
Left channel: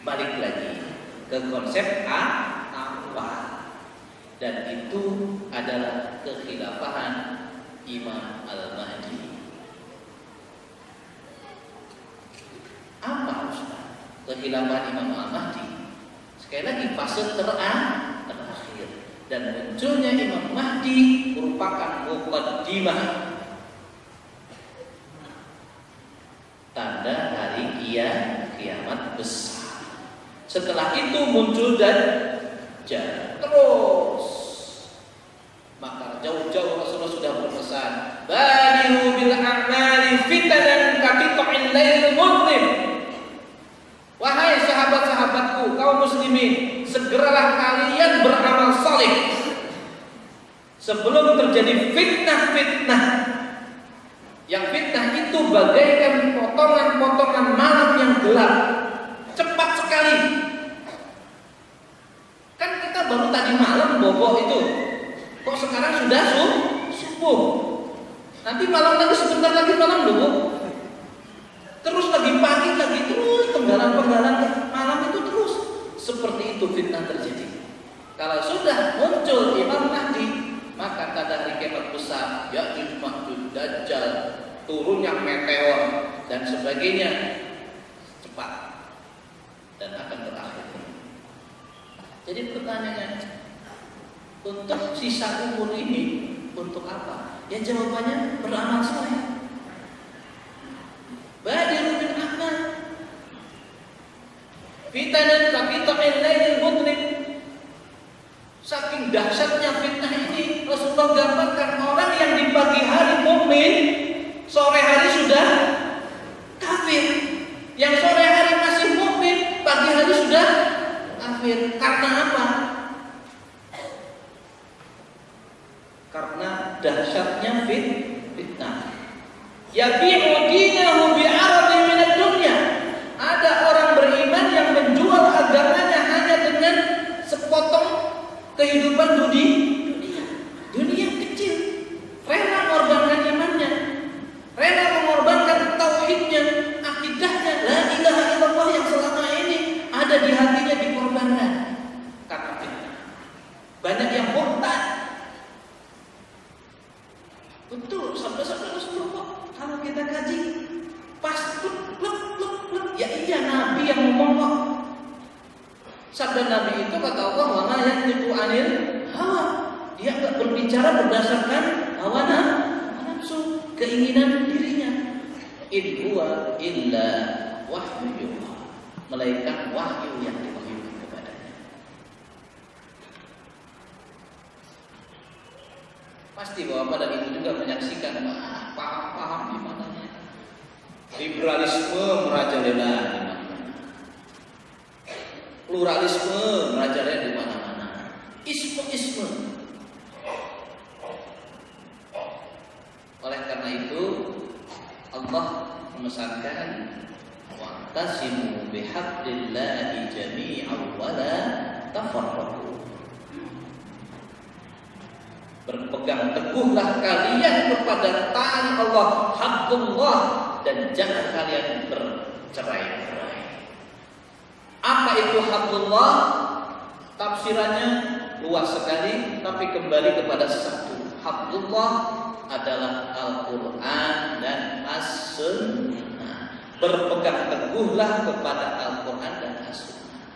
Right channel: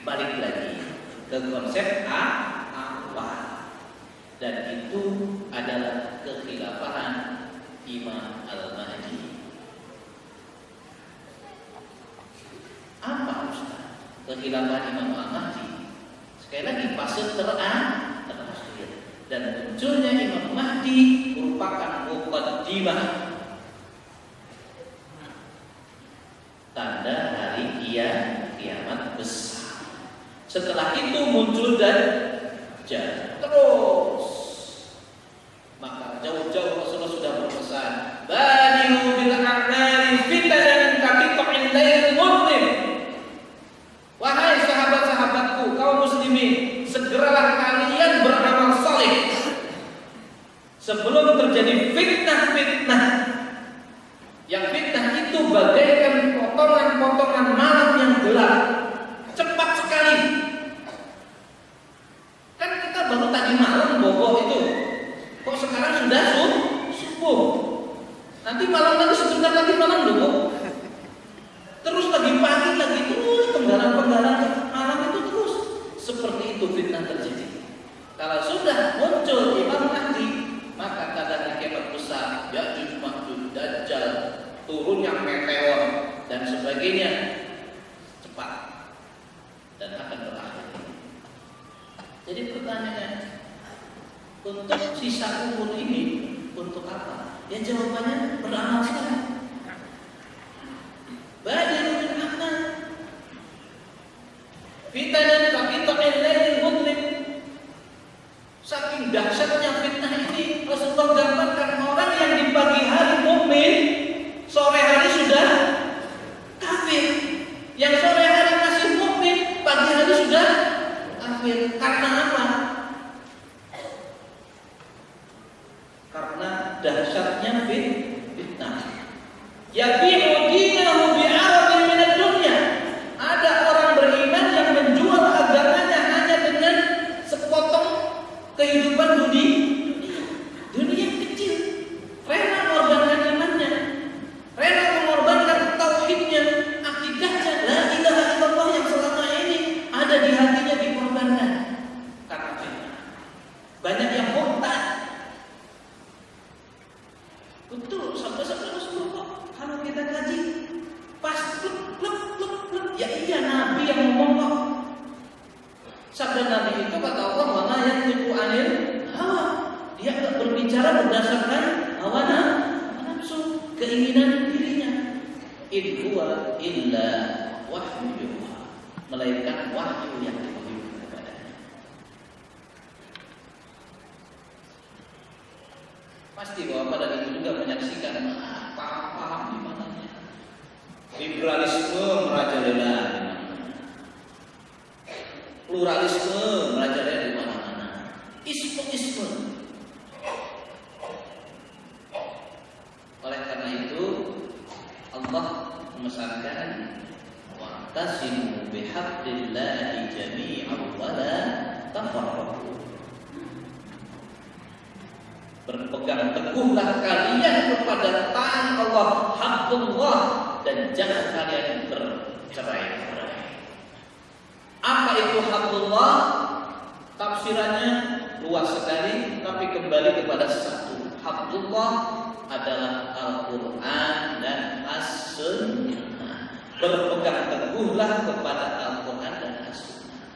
Balik lagi ke konsep awal. Dan itu adalah kekhilafahan Imam Al-Mahdi. Apa Ustaz? Kekhilafahan Imam Al-Mahdi. Sekali lagi fase terakhir. Dan munculnya Imam Mahdi merupakan muqaddimah, tanda hari kiamat besar. Setelah itu muncul Dajjal. Terus maka jauh-jauh Rasulullah sudah berpesan, badiru bil a'mali fitanan kaqita'il lail mudlim. Wahai sahabat-sahabatku kaum muslimin, segeralah kalian beramal saleh sebelum terjadi fitnah-fitnah. Yang fitnah itu bagaikan potongan-potongan malam yang gelap, cepat sekali. Kan kita baru tadi malam bobo itu, kok sekarang sudah subuh. Nanti malam lagi, sebentar lagi malam dulu. Terus lagi pagi lagi, terus penggalan-penggalan malam itu terus. Seperti itu fitnah terjadi. Kalau sudah muncul Imam Mahdi, maka tanda hari kiamat besar, Ya'juj Ma'juj, Dajjal, turunnya meteor dan sebagainya cepat dan akan berakhir. Jadi pertanyaannya, untuk sisa umur ini untuk apa? Ya jawabannya beramal saleh. Badiru bil a'mal fitanan kaqita'il lail mudlim. Saking dahsyatnya fitnah ini, Rasulullah gambarkan orang yang di pagi hari mukmin, sore hari sudah kafir. Yang sore hari masih mukmin, kafir. Karena apa? Karena dahsyatnya fitnah. Yabi'u dinahu bi'aradin minad dunya. Ada orang beriman yang menjual agamanya hanya dengan sepotong kehidupan dunia kecil. Rela mengorbankan imannya, rela mengorbankan tauhidnya, akidahnya, la ilaha illallah yang selama ini ada di hatinya dikorbankan karena fitnah. Banyak yang murtad. Betul, sabda-sabda Rasulullah kok kalau kita kaji pas plek. Ya iya, Nabi yang ngomong kok. Sabda Nabi itu kata Allah, wa ma yantiqu anil hawa. Dia enggak berbicara berdasarkan hawa nafsu, keinginan dirinya. In huwa illa wahyu yuha. Melainkan wahyu yang diwahyukan kepadanya. Pasti bahwa pada itu juga menyaksikan paham-paham di mananya. Liberalisme merajalela di mana-mana. Pluralisme merajalela di mana-mana. Isme. Oleh karena itu Allah memesankan wa'tasimu bihablillahi jami'an wa la tafarraqu. Berpegang teguhlah kalian kepada tali Allah, hablullah, dan jangan kalian bercerai-berai. Apa itu hablullah? Tafsirannya luas sekali, tapi kembali kepada satu. Hablullah adalah Al-Quran dan As-Sunnah. Berpegang teguhlah kepada Al-Quran dan As-Sunnah.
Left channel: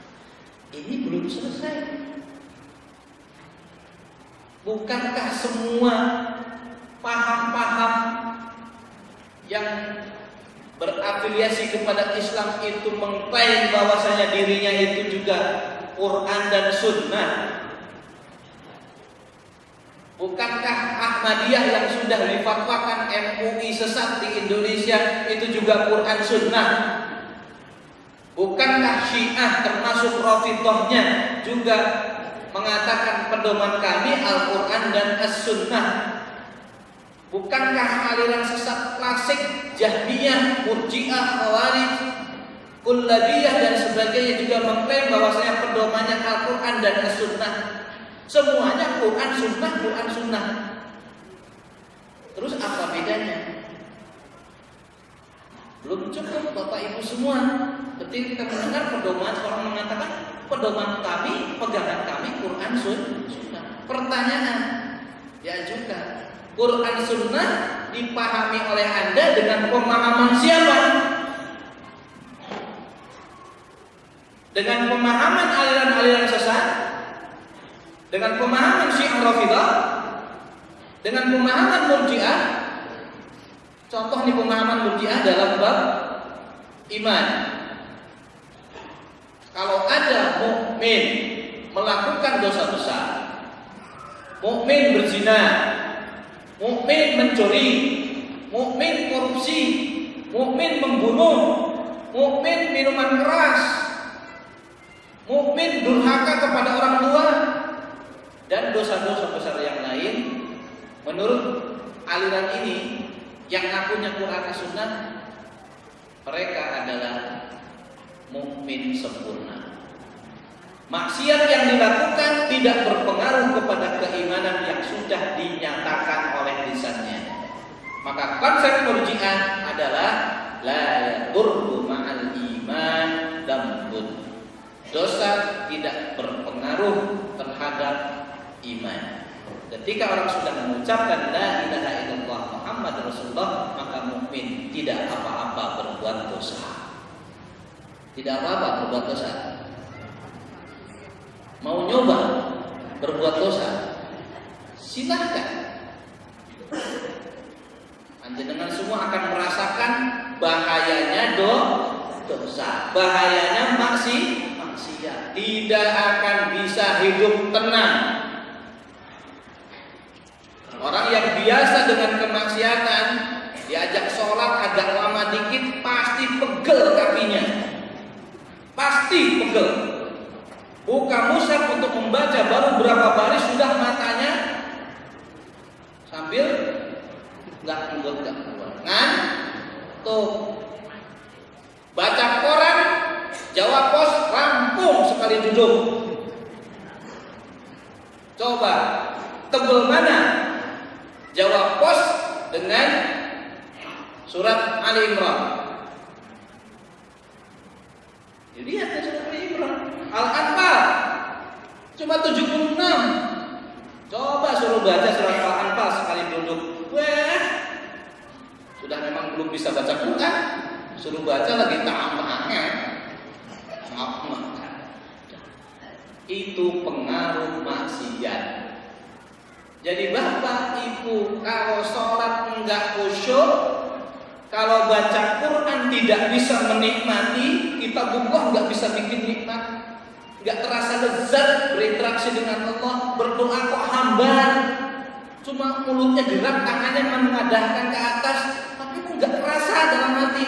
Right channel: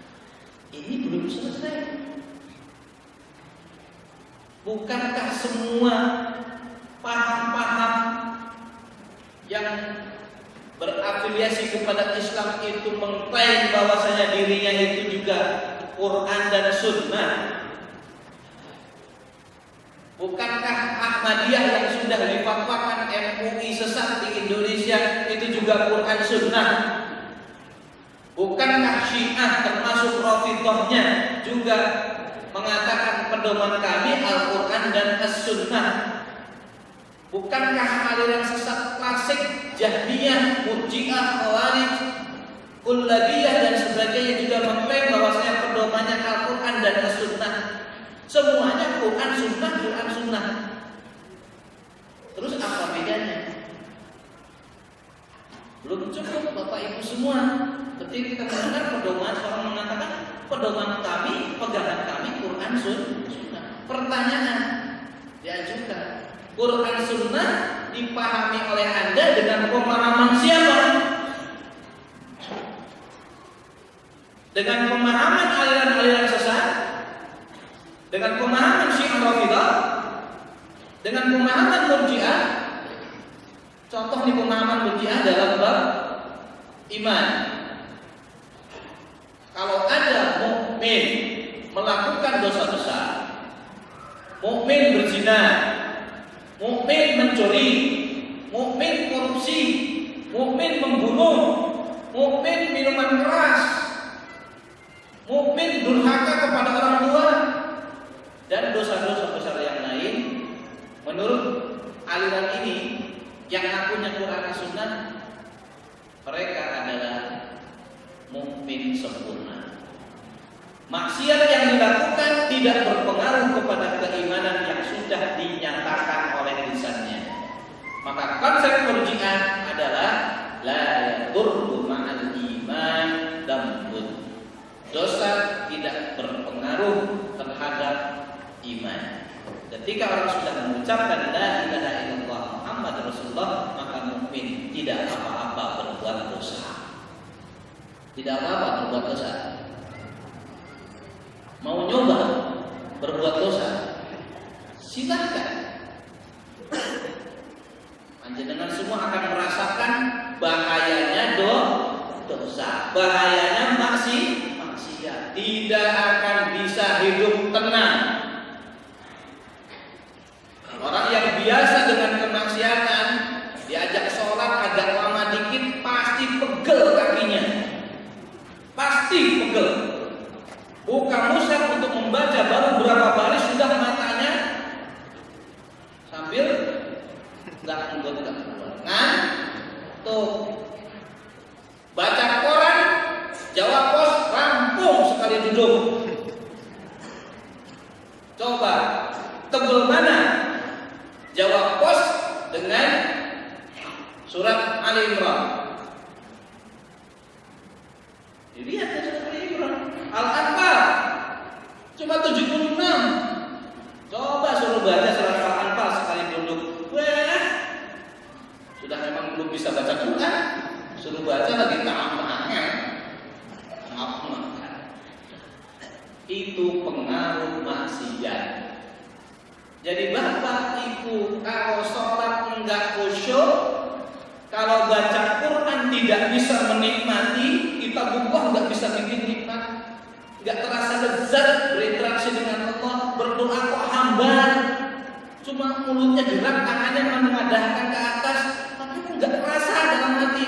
Ini belum selesai. Bukankah semua paham-paham yang berafiliasi kepada Islam itu mengklaim bahwasanya dirinya itu juga Quran dan Sunnah? Bukankah Ahmadiyah yang sudah difatwakan MUI sesat di Indonesia itu juga Quran Sunnah? Bukankah Syiah termasuk Rafidhahnya juga mengatakan pedoman kami Al-Quran dan As-Sunnah? Bukankah aliran sesat klasik Jahmiyah, Murji'ah, Khawarij, Kullabiyah dan sebagainya juga mengklaim bahwasanya pedomannya Al-Quran dan As-Sunnah? Semuanya Quran Sunnah. Terus apa bedanya? Belum cukup Bapak Ibu semua. Ketika kita mendengar pedoman, orang mengatakan pedoman kami, pegangan kami Quran Sunnah. Pertanyaan diajukan, Quran Sunnah dipahami oleh Anda dengan pemahaman siapa? Dengan pemahaman aliran-aliran sesat? Dengan pemahaman Syiah Rafidhah? Dengan pemahaman Murji'ah? Contoh nih pemahaman Murji'ah dalam bab iman. Kalau ada mukmin melakukan dosa besar, mukmin berzina, mukmin mencuri, mukmin korupsi, mukmin membunuh, mukmin minuman keras, mukmin durhaka kepada orang tua, dan dosa-dosa besar yang lain, menurut aliran ini yang ngakunya Quran Sunnah, mereka adalah mukmin sempurna. Maksiat yang dilakukan tidak berpengaruh kepada keimanan yang sudah dinyatakan oleh lisannya. Maka konsep Murji'ah adalah la yadurru ma'al iman dambun. Dosa tidak berpengaruh terhadap iman. Ketika orang sudah mengucapkan la ilaha illallah Muhammad Rasulullah, maka mukmin tidak apa-apa berbuat dosa. Tidak apa-apa berbuat dosa. Mau nyoba berbuat dosa, silahkan. Panjenengan semua akan merasakan bahayanya dosa, bahayanya maksiat. Tidak akan bisa hidup tenang. Orang yang biasa dengan kemaksiatan, diajak sholat agak lama dikit, pasti pegel kakinya. Pasti pegel. Buka mushaf untuk membaca, baru berapa baris sudah matanya sambil nggak keluar. Ngantuk. Baca koran, jawab pos, rampung sekali duduk. Coba tebel mana jawab pos dengan surat Ali Imran. Dilihat ya surat Ali Imran. Al-Anfal cuma 76. Coba suruh baca surat Al-Anfal sekali duduk. Wah, sudah memang belum bisa baca Quran, suruh baca lagi tambahnya. Itu pengaruh maksiat. Jadi bapak ibu kalau sholat enggak khusyuk, kalau baca Quran tidak bisa menikmati, kita buka enggak bisa bikin nikmat, enggak terasa lezat berinteraksi dengan Allah, berdoa kok hambar, cuma mulutnya gerak, tangannya mengadahkan ke atas, tapi enggak terasa dalam hati.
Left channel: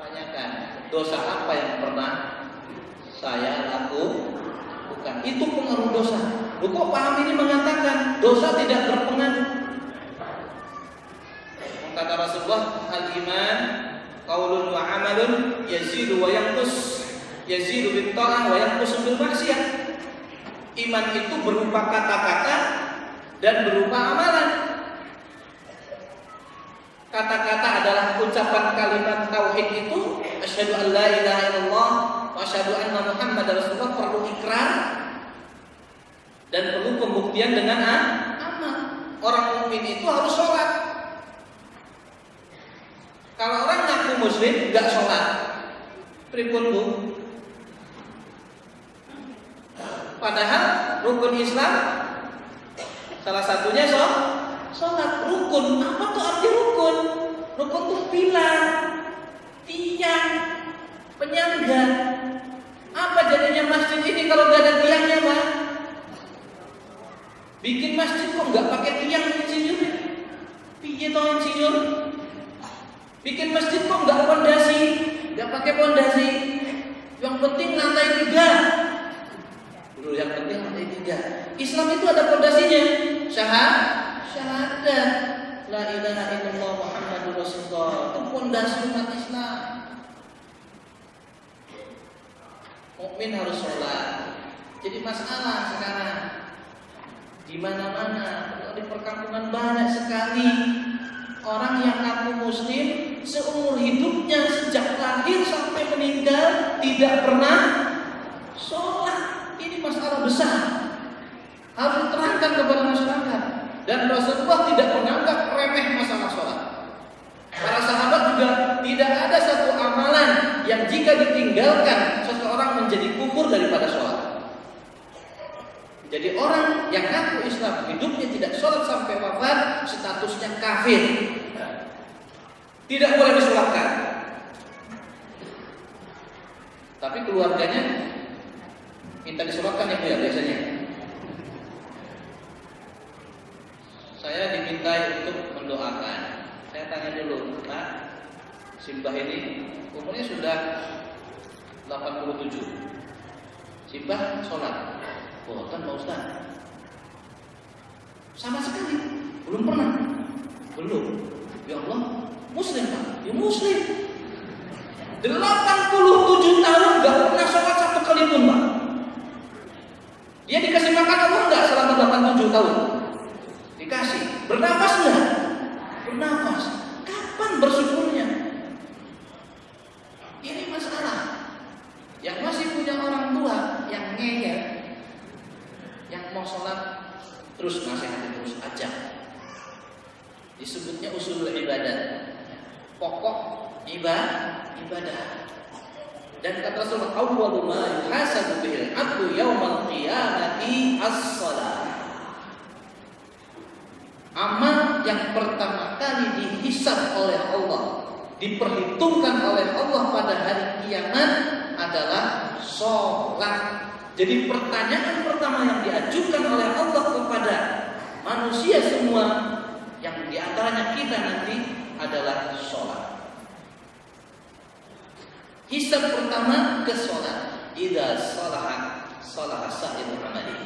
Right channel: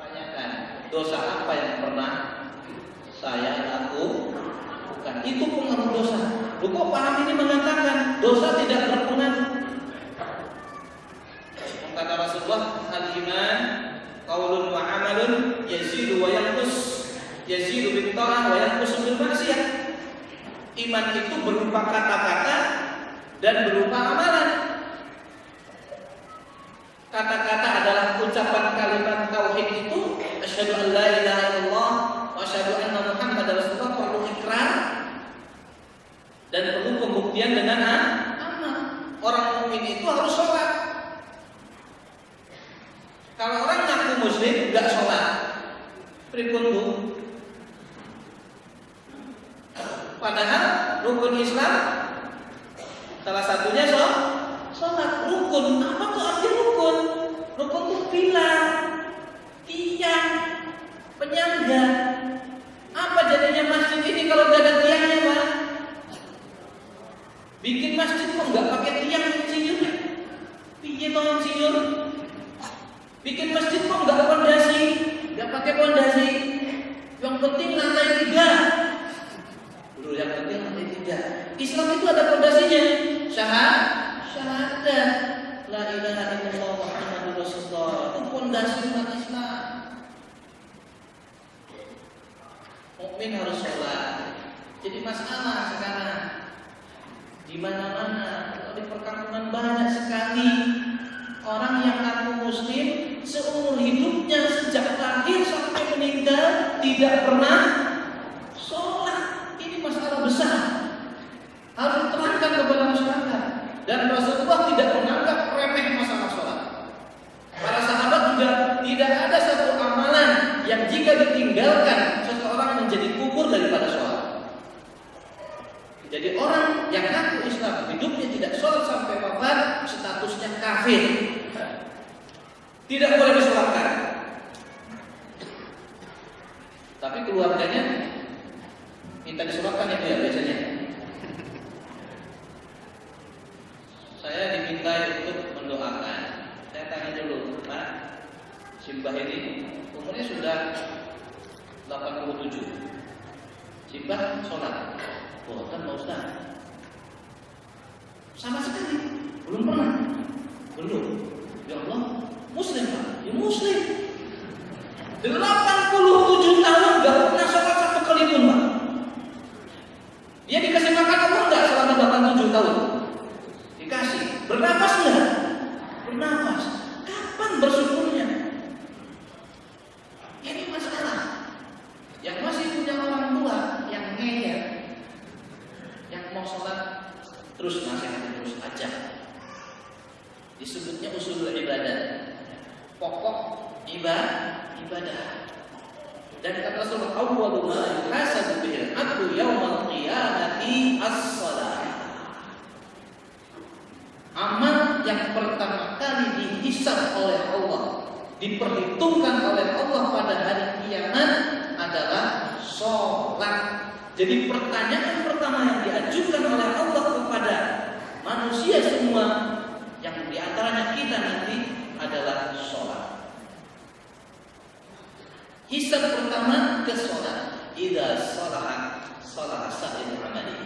Tanyakan, dosa apa yang pernah saya lakukan? Itu pengaruh dosa. Loh, kok paham ini mengatakan dosa tidak berpengaruh? Kata Rasulullah, al-iman qaulun wa amalun yazidu wa yanqus, yazidu bit ta'ah wa yanqus bil maksiyah. Iman itu berupa kata-kata dan berupa amalan. Kata-kata adalah ucapan kalimat tauhid itu, asyhadu an la ilaha illallah wa asyhadu anna Muhammadar Rasulullah, perlu ikrar dan perlu pembuktian dengan amal. Orang mukmin itu harus sholat. Kalau orang ngaku muslim nggak sholat, pripun bu? Padahal rukun Islam salah satunya sholat. Rukun, apa tuh arti rukun? Rukun tuh pilar, tiang, penyangga. Apa jadinya masjid ini kalau nggak ada tiangnya, Pak? Bikin masjid kok nggak pakai tiang, insinyur? Piye toh insinyur? Bikin masjid kok nggak pondasi? Nggak pakai pondasi? Yang penting lantai 3. Dulu yang penting lantai 3. Islam itu ada pondasinya. Syahadat la ilaha illallah Muhammadur Rasulullah. Itu pondasi umat Islam. Mukmin harus sholat. Jadi masalah sekarang di mana-mana, di perkampungan banyak sekali orang yang ngaku muslim seumur hidupnya sejak lahir sampai meninggal tidak pernah sholat. Ini masalah besar, harus diterangkan kepada masyarakat. Dan Rasulullah tidak menganggap remeh masalah sholat. Para sahabat juga tidak ada satu amalan yang jika ditinggalkan seseorang menjadi kufur daripada sholat. Jadi orang yang ngaku Islam hidupnya tidak sholat sampai wafat, statusnya kafir, tidak boleh disolatkan. Tapi keluarganya minta disolatkan itu ya biasanya. Saya diminta untuk mendoakan. Saya tanya dulu, Pak, Simbah ini umurnya sudah 87. Simbah sholat? Boten Pak Ustaz. Sama sekali belum pernah. Belum. Ya Allah, muslim Pak. Ya muslim. 87 tahun gak pernah sholat satu kali pun Pak. Dia dikasih makan Allah enggak selama 87 tahun? Dikasih. Bernafas enggak? Bernafas. Kapan bersyukurnya? Ini masalah. Yang masih punya orang tua yang ngeyel, yang mau sholat terus nasihat terus aja. Disebutnya usul ibadah, pokok ibadah. Dan kata Rasulullah, awwalu ma yuhasabu bihil 'abdu yaumal qiyamati as-shalah. Amal yang pertama kali dihisab oleh Allah, diperhitungkan oleh Allah pada hari kiamat adalah sholat. Jadi pertanyaan pertama yang diajukan oleh Allah kepada manusia semua, yang diantaranya kita nanti, adalah sholat. Hisab pertama ke sholat. idza shalaha sa'irul amali.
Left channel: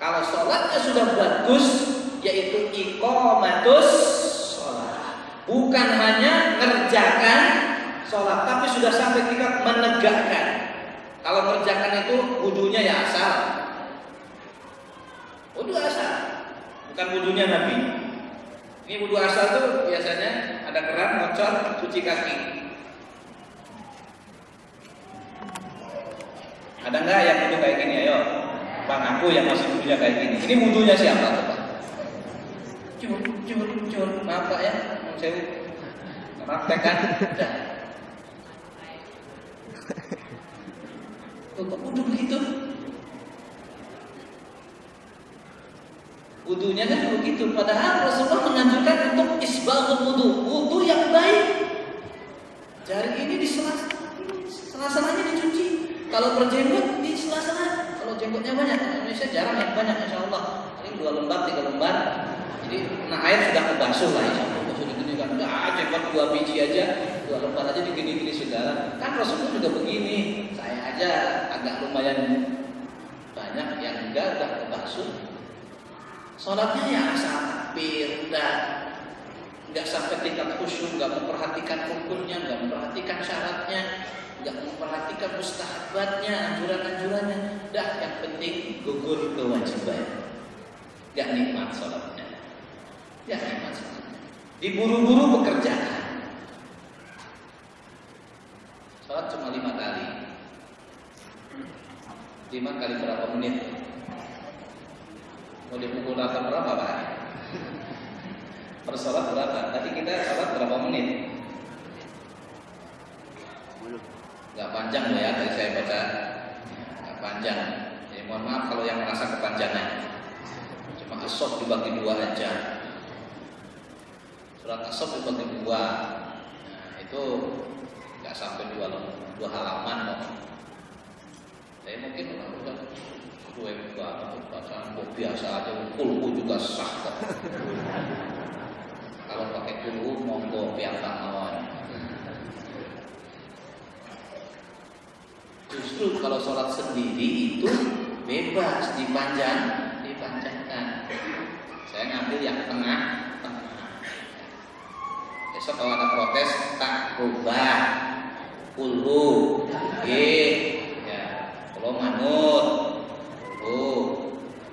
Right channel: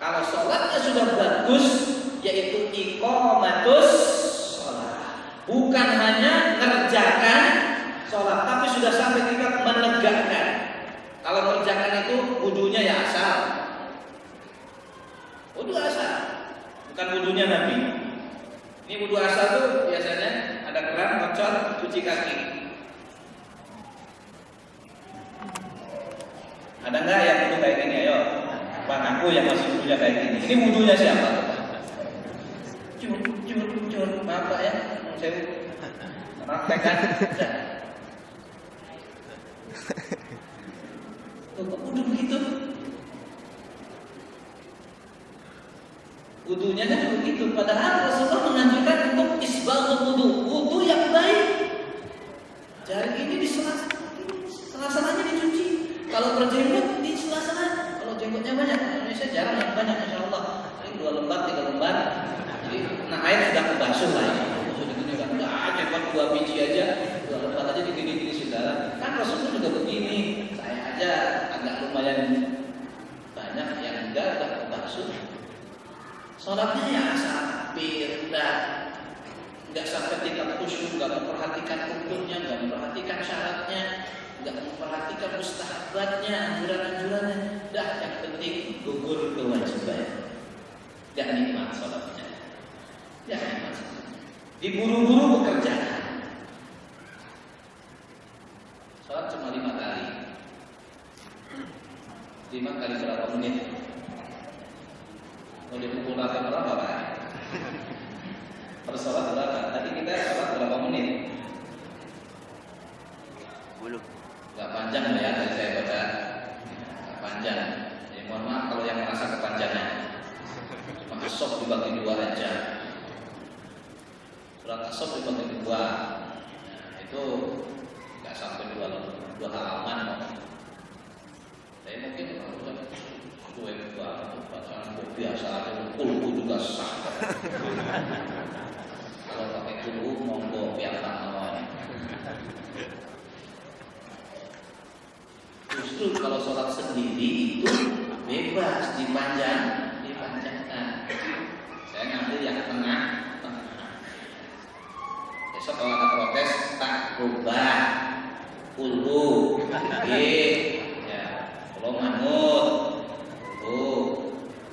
Kalau sholatnya sudah bagus, yaitu iqamatus sholat, bukan hanya ngerjakan sholat, tapi sudah sampai tingkat menegakkan. Kalau mengerjakan itu wudunya ya asal, wudu asal, bukan wudunya Nabi. Ini wudu asal tuh biasanya ada keran, ngocor, cuci kaki. Ada nggak yang wudu kayak gini? Ayo, bang, aku yang masih wudunya kayak gini. Ini wudunya siapa tuh, Pak? Cur, maaf Pak ya, saya praktekkan. Kok wudu begitu? Wudunya kan begitu. Padahal Rasulullah menganjurkan untuk isbaghul wudu, wudu yang baik. Jari ini di sela-selanya dicuci. Kalau berjenggot di sela-sela. Kalau jenggotnya banyak, Indonesia jarang yang banyak, insya Allah. Paling 2 lembar, 3 lembar. Jadi nah air sudah kebasuh lah, insya Allah. Sudah gini kan, jenggot 2 biji aja, 2 lembar aja digini-gini saudara. Kan Rasulullah juga begini. Saya aja agak lumayan banyak yang enggak udah kebasuh. Sholatnya ya asal takbir, enggak sampai tingkat khusyuk, enggak memperhatikan rukunnya, enggak memperhatikan syaratnya, enggak memperhatikan mustahabatnya, anjuran-anjurannya. Dah, yang penting gugur kewajiban. Enggak nikmat sholatnya. Enggak nikmat sholatnya. Diburu-buru pekerjaan. Sholat cuma 5 kali. 5 kali berapa menit? Mau dipukul rata berapa Pak? Per sholat berapa? Tadi kita sholat berapa menit? 10. Gak panjang lah ya, tadi saya baca. Gak panjang. Jadi mohon maaf kalau yang merasa kepanjangan. Cuma asop dibagi 2 aja. Surat asop dibagi 2. Nah, itu gak sampai 2 halaman kok. Saya mungkin udah cuek banget, bacaan kok biasa aja, kulku juga sah. Kalau pakai kulku monggo piantang mawon. Justru kalau sholat sendiri itu bebas dipanjangkan. Saya ngambil yang tengah. Besok kalau ada protes tak rubah kulhu, kalau manut,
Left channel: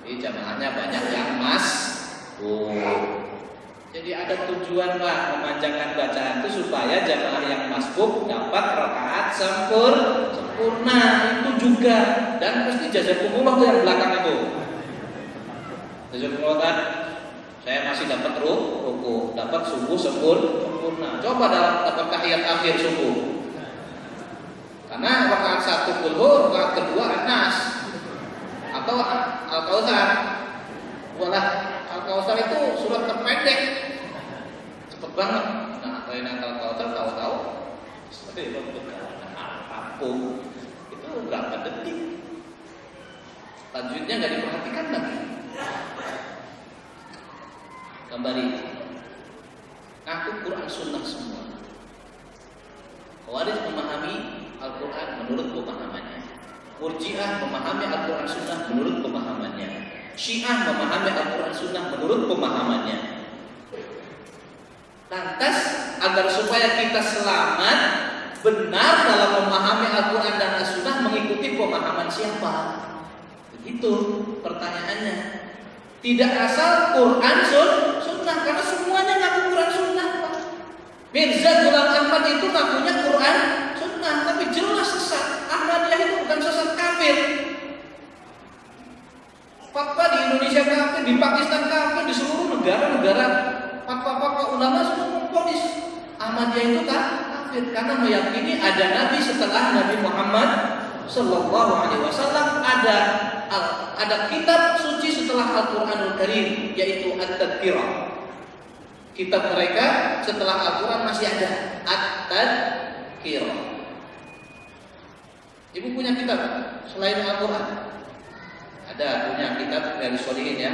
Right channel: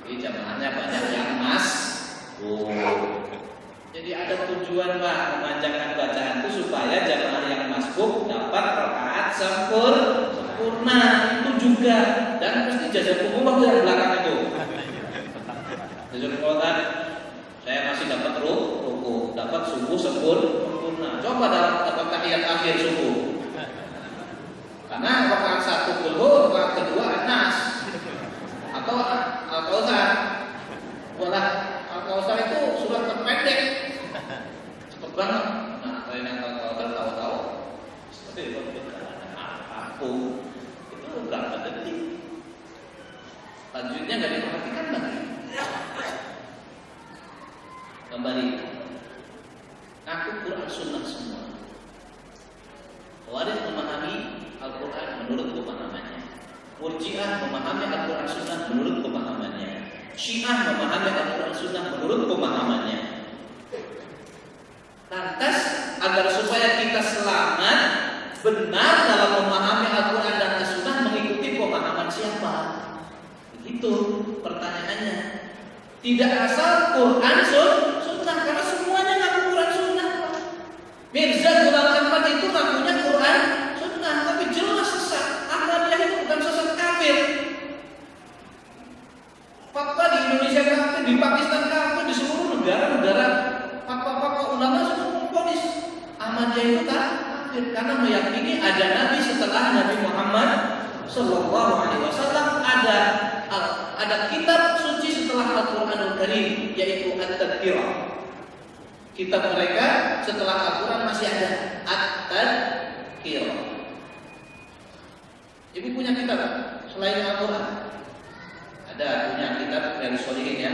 ini jamaahnya banyak yang jadi ada tujuan Pak memanjangkan bacaan itu supaya jamaah yang masbuk dapat rakaat sempurna itu juga, dan mesti jazakumullah yang belakang itu. Jazakumullah, saya masih dapat ruku, dapat subuh sempurna. Coba dapat tahiyat akhir subuh. Karena rakaat 1 kulhu, rakaat kedua An-Nas atau Al-Kautsar. Walah Al-Kautsar itu surat terpendek, cepet banget. Nah, yang Al-Kautsar tahu-tahu seperti aku itu berapa detik. Lanjutnya nggak diperhatikan lagi. Kembali, aku Quran Sunnah semua. Khawarij memahami Al-Quran menurut pemahamannya. Murji'ah memahami Al-Quran Sunnah menurut pemahamannya. Syiah memahami Al-Quran Sunnah menurut pemahamannya. Lantas agar supaya kita selamat benar dalam memahami Al-Quran dan As-Sunnah, mengikuti pemahaman siapa? Begitu pertanyaannya. Tidak asal Quran Sunnah, karena semuanya ngaku Quran Sunnah. Mirza Ghulam Ahmad itu ngakunya Quran Sunnah, tapi jelas sesat. Ahmadiyah itu bukan sesat, kafir. Fatwa di Indonesia kafir, di Pakistan kafir, di seluruh negara-negara fatwa-fatwa ulama semua memvonis Ahmadiyah itu kafir karena meyakini ada Nabi setelah Nabi Muhammad Sallallahu Alaihi Wasallam, ada kitab suci setelah Al-Quranul Karim, yaitu At-Tadkirah. Kitab mereka setelah Al-Quran masih ada At-Tadkirah. Ibu punya kitab selain Al-Quran? Ada, punya kitab dari Sholihin ya.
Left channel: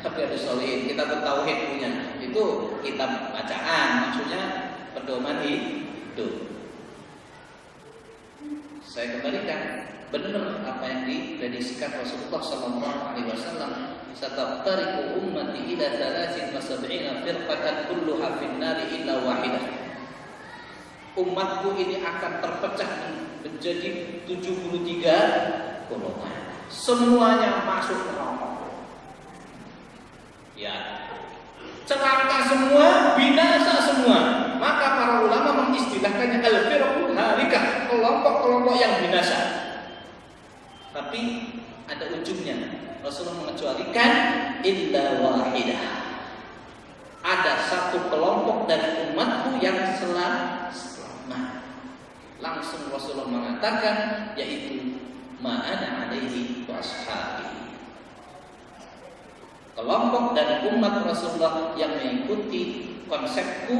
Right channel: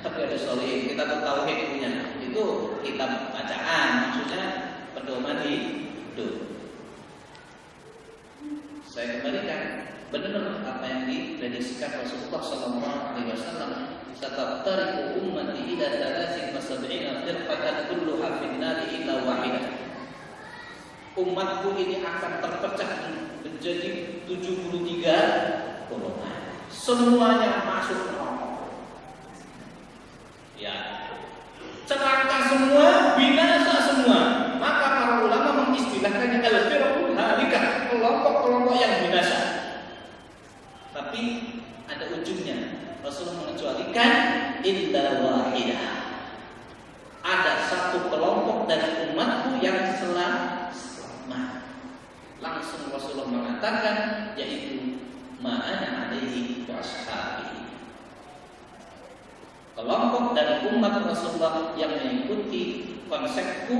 Tapi ada Sholihin, kitab Tauhid punya. Itu kitab bacaan, maksudnya pedoman hidup. Saya kembalikan, benar apa yang diprediksikan Rasulullah Sallallahu Alaihi Wasallam. Sataftariqu ummati ila 73 firqatan kulluha fin nari illa wahidah. Umatku ini akan terpecah menjadi 73 golongan. Semuanya masuk neraka. Ya, celaka semua, binasa semua. Maka para ulama mengistilahkannya al-firqul halikah, kelompok-kelompok yang binasa. Tapi ada ujungnya. Rasulullah mengecualikan illa wahidah. Ada satu kelompok dari umatku yang selamat. Langsung Rasulullah mengatakan, yaitu ma'ana alaihi wa ashabihi. Kelompok dari umat Rasulullah yang mengikuti konsepku,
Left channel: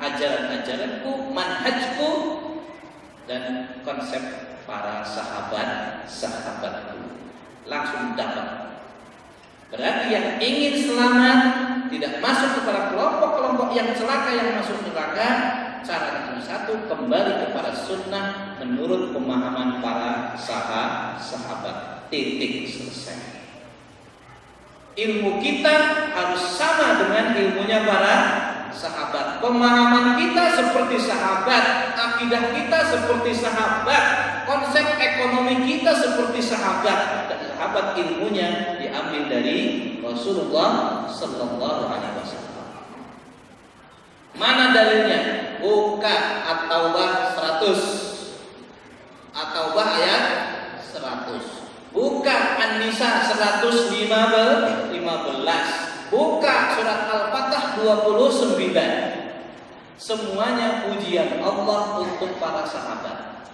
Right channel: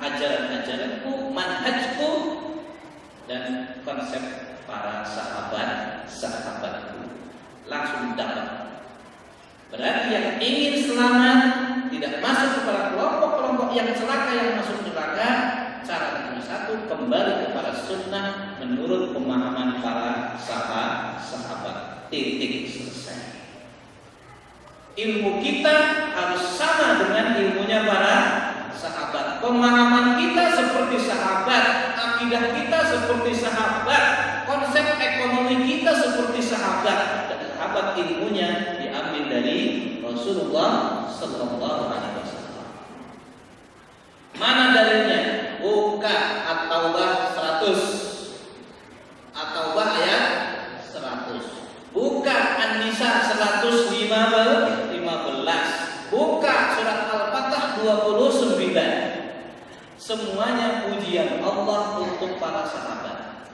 ajaran-ajaranku, manhajku, dan konsep para sahabatku. Langsung dapat. Berarti yang ingin selamat, tidak masuk kepada kelompok-kelompok yang celaka yang masuk neraka, cara yang satu, kembali kepada sunnah menurut pemahaman para sahabat. Titik, selesai. Ilmu kita harus sama dengan ilmunya para sahabat. Pemahaman kita seperti sahabat, akidah kita seperti sahabat, konsep ekonomi kita seperti sahabat. Dan sahabat ilmunya diambil dari Rasulullah Sallallahu Alaihi Wasallam. Mana dalilnya? Buka At-Taubah 100, At-Taubah ayat 100. Buka An-Nisa 115, buka surat Al-Fatah 29. Semuanya pujian Allah untuk para sahabat.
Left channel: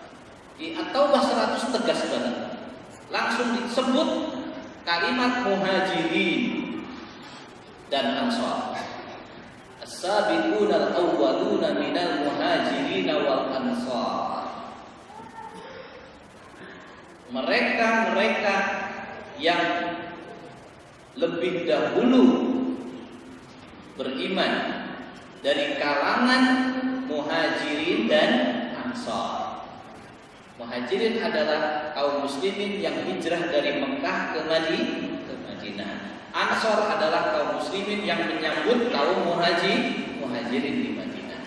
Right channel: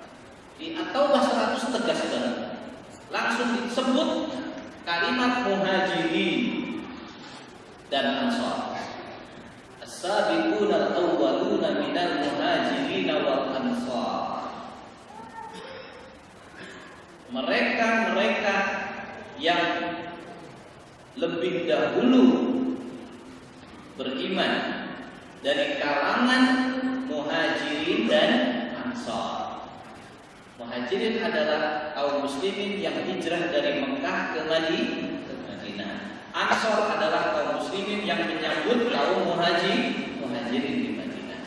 Di At-Taubah 100 tegas banget. Langsung disebut kalimat muhajirin dan ansar. As-sabiquna al-awwaluna minal muhajirin wal ansar. Mereka yang lebih dahulu beriman dari kalangan muhajirin dan ansar. Muhajirin adalah kaum muslimin yang hijrah dari Mekah ke Madinah. Ansar adalah kaum muslimin yang menyambut kaum muhajirin di Madinah.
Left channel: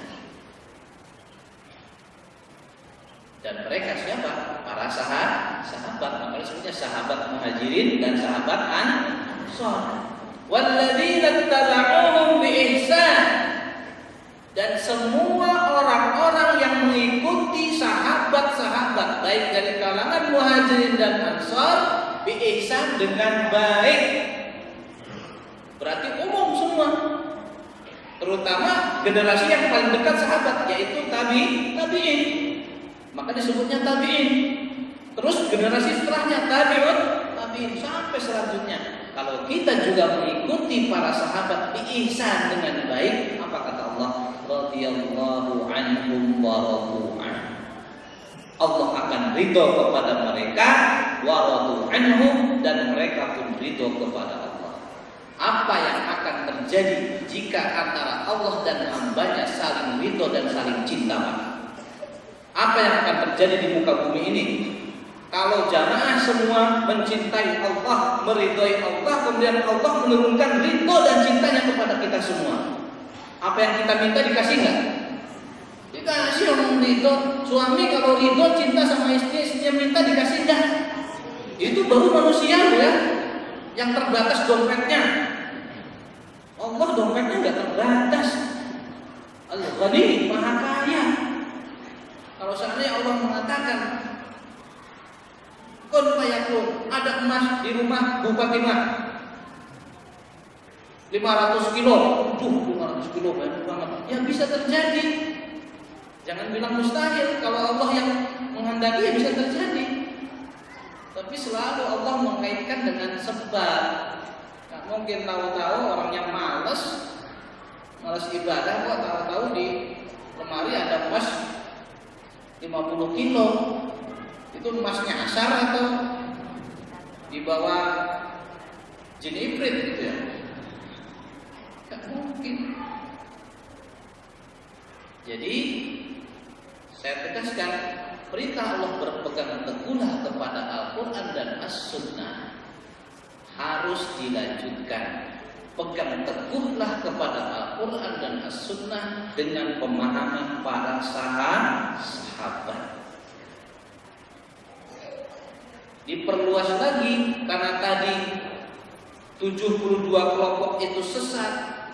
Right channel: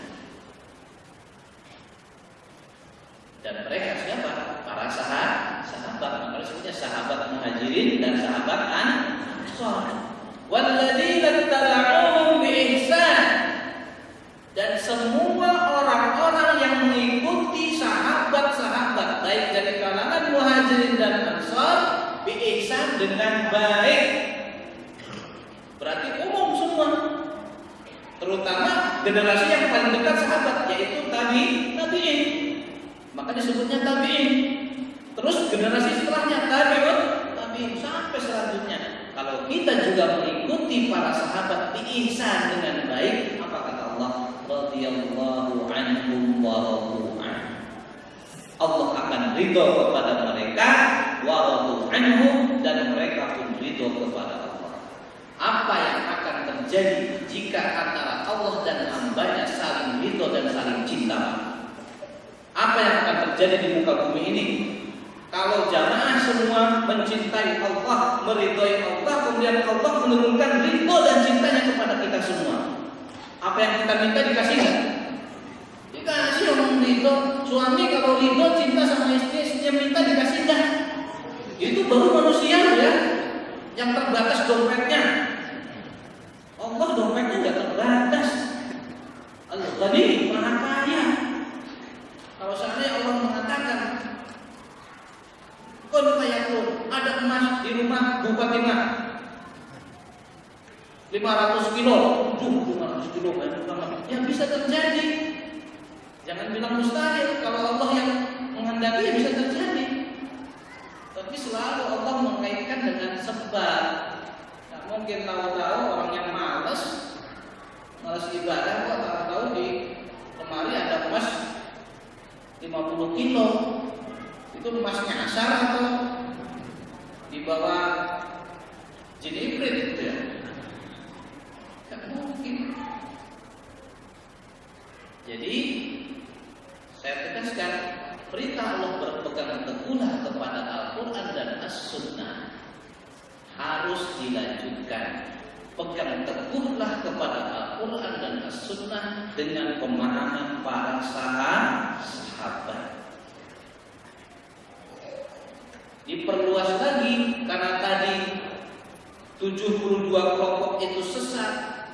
Dan mereka siapa? Para sahabat. Makanya sebutnya sahabat muhajirin dan sahabat ansar. Walladzina tabauhum biihsan. Dan semua orang-orang yang mengikuti sahabat-sahabat baik dari kalangan muhajirin dan ansar biihsan dengan baik. Berarti umum semua. Terutama generasi yang paling dekat sahabat, yaitu tabi'in. Maka disebutnya tabi'in. Terus generasi setelahnya tabi'in sampai selanjutnya. Kalau kita juga mengikuti para sahabat biihsan dengan baik, apa kata Allah? Radhiyallahu anhum wa radu an. Allah akan ridho kepada mereka, wa radu anhum, dan mereka pun ridho kepada Allah. Apa yang akan terjadi jika antara Allah dan hambanya saling ridho dan saling cinta? Apa yang akan terjadi di muka bumi ini? Kalau jamaah semua mencintai Allah, meridhoi Allah, kemudian Allah menurunkan ridho dan cintanya kepada kita semua. Apa yang kita minta dikasih nggak? Dikasih orang ridho. Suami kalau ridho cinta sama istri, istrinya minta dikasih nggak? Itu baru manusia ya, yang terbatas dompetnya. Allah dompetnya nggak terbatas. Al-Ghani, Maha Kaya. Kalau seandainya Allah mengatakan kun fayakun, ada emas di rumah Bu Fatimah 500 kilo, 500 kilo banyak banget. Ya bisa terjadi. Jangan bilang mustahil. Kalau Allah yang menghendaki ya bisa terjadi. Tapi selalu Allah mengaitkan dengan sebab. Nggak mungkin tahu-tahu orang yang malas ibadah kok tahu-tahu di lemari ada emas 50 kilo. Itu emasnya asar atau di bawah jin ifrit gitu ya? Gak mungkin. Jadi saya tegaskan, perintah Allah berpegang teguhlah kepada Al-Quran dan As-Sunnah harus dilanjutkan. Pegang teguhlah kepada Al-Quran dan As-Sunnah dengan pemahaman para sahabat. Diperluas lagi karena tadi 72 kelompok itu sesat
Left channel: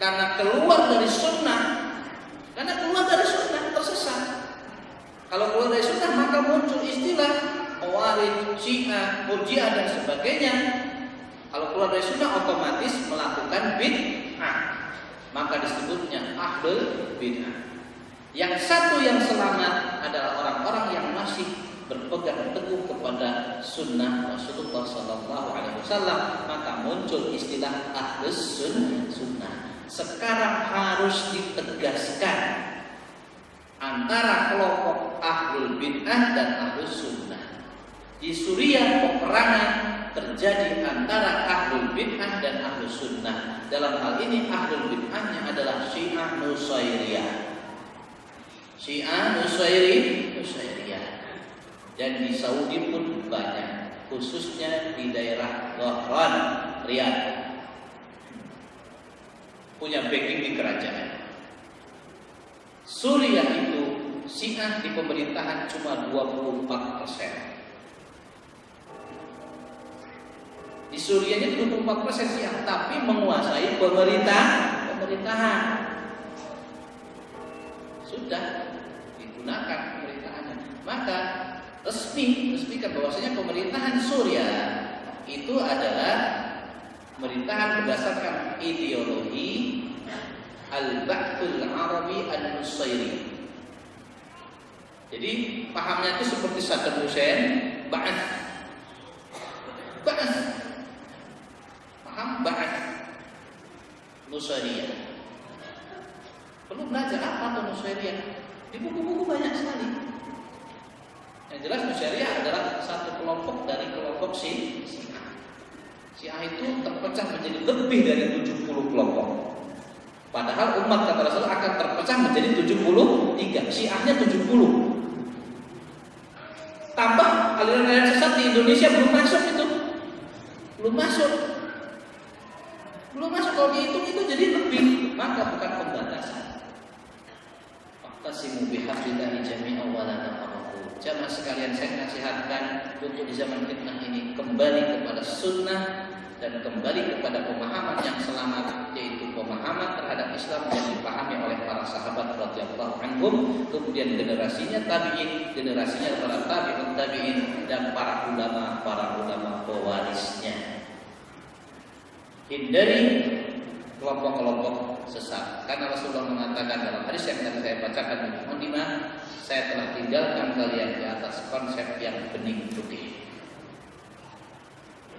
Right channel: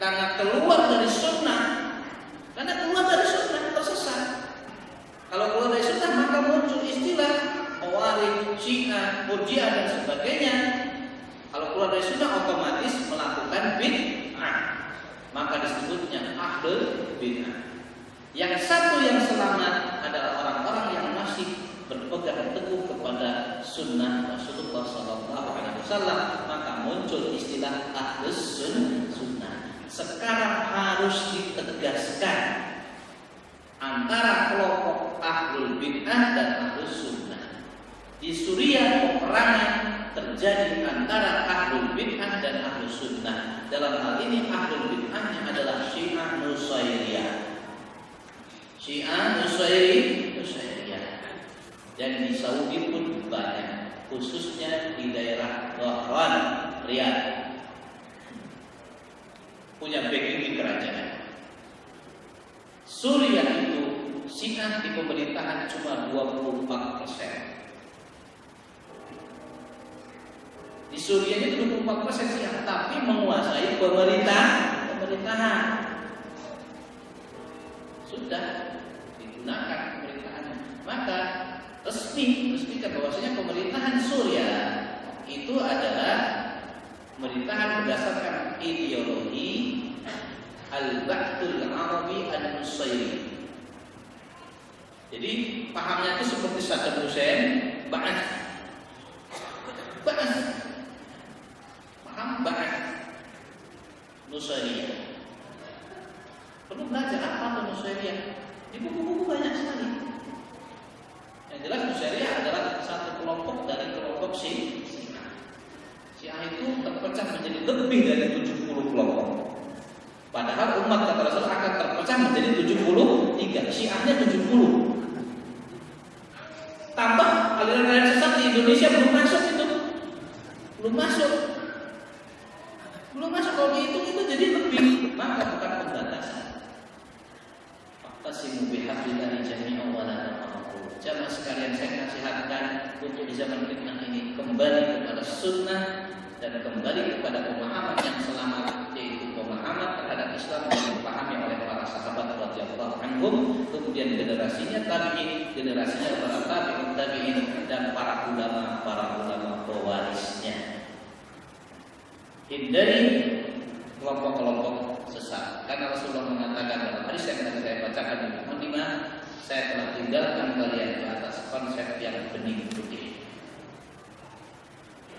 karena keluar dari sunnah. Karena keluar dari sunnah tersesat. Kalau keluar dari sunnah maka muncul istilah Khawarij, Syiah, Murji'ah dan sebagainya. Kalau keluar dari sunnah otomatis melakukan bid'ah, maka disebutnya ahlul bid'ah. Yang satu yang selamat adalah orang-orang yang masih berpegang teguh kepada sunnah Rasulullah SAW, maka muncul istilah ahlus sunnah. Sekarang harus ditegaskan antara kelompok ahlul bid'ah dan ahlus sunnah. Di Suriah peperangan terjadi antara ahlul bid'ah dan ahlus sunnah. Dalam hal ini ahlul bid'ahnya adalah Syiah Nusairiyah. Syiah Nusairiyah. Dan di Saudi pun banyak, khususnya di daerah Dhahran, Riyadh. Punya backing di kerajaan. Suriah itu Syiah di pemerintahan cuma 24%. Di Suriah itu 24% Syiah, tapi menguasai pemerintahan. Sudah digunakan pemerintahannya. Maka resmikan bahwasanya pemerintahan Suriah itu adalah pemerintahan berdasarkan ideologi Al-Ba'thul Arabi Al-Nusairi. Jadi pahamnya itu seperti Saddam Hussein, Ba'ath. Paham Ba'ath Nusairiyah. Perlu belajar apa itu Nusairiyah? Di buku-buku banyak sekali. Yang jelas Nusairiyah adalah satu kelompok dari kelompok Syiah. Syiah itu terpecah menjadi lebih dari 70 kelompok. Padahal umat kata Rasul akan terpecah menjadi 73. Syiahnya 70. Tambah aliran-aliran sesat di Indonesia belum masuk itu. Belum masuk kalau dihitung itu jadi lebih. Maka bukan pembatasan. Waqtasimu bihablillahi jami'an wa la tafarraqu. Jamaah sekalian, saya nasihatkan untuk di zaman fitnah ini kembali kepada sunnah dan kembali kepada pemahaman yang selamat, yaitu pemahaman terhadap Islam yang dipahami oleh para sahabat radhiyallahu anhum, kemudian generasinya tabi'in, generasinya para tabi'ut tabi'in, dan para ulama pewarisnya. Hindari kelompok-kelompok sesat, karena Rasulullah mengatakan dalam hadis yang tadi saya bacakan di Muqaddimah, saya telah tinggalkan kalian di atas konsep yang bening putih.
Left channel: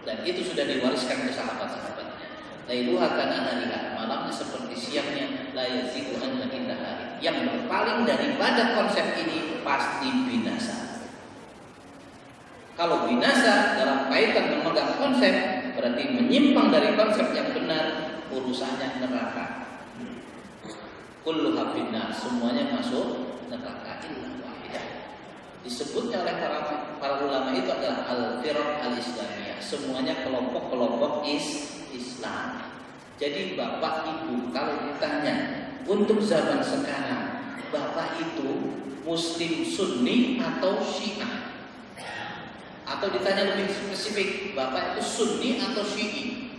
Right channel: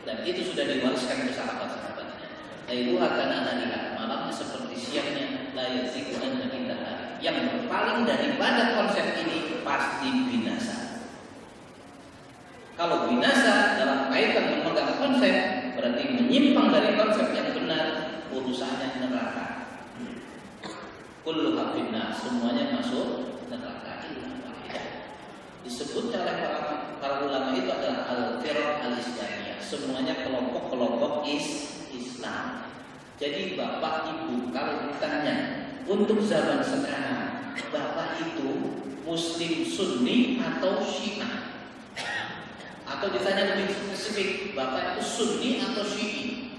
Dan itu sudah diwariskan ke sahabat-sahabatnya. Lailuha kanahariha, malamnya seperti siangnya, la yazigu anha illa hari. Yang berpaling daripada konsep ini pasti binasa. Kalau binasa dalam kaitan memegang konsep, berarti menyimpang dari konsep yang benar, urusannya neraka. Kullu finnar, semuanya masuk neraka illa wahidah. Disebutnya oleh para ulama itu adalah al-firaq al-islamiyah. Semuanya kelompok-kelompok Islam. Jadi bapak ibu kalau ditanya untuk zaman sekarang, bapak itu Muslim Sunni atau Syiah? Atau ditanya lebih spesifik, bapak itu Sunni atau Syi'i?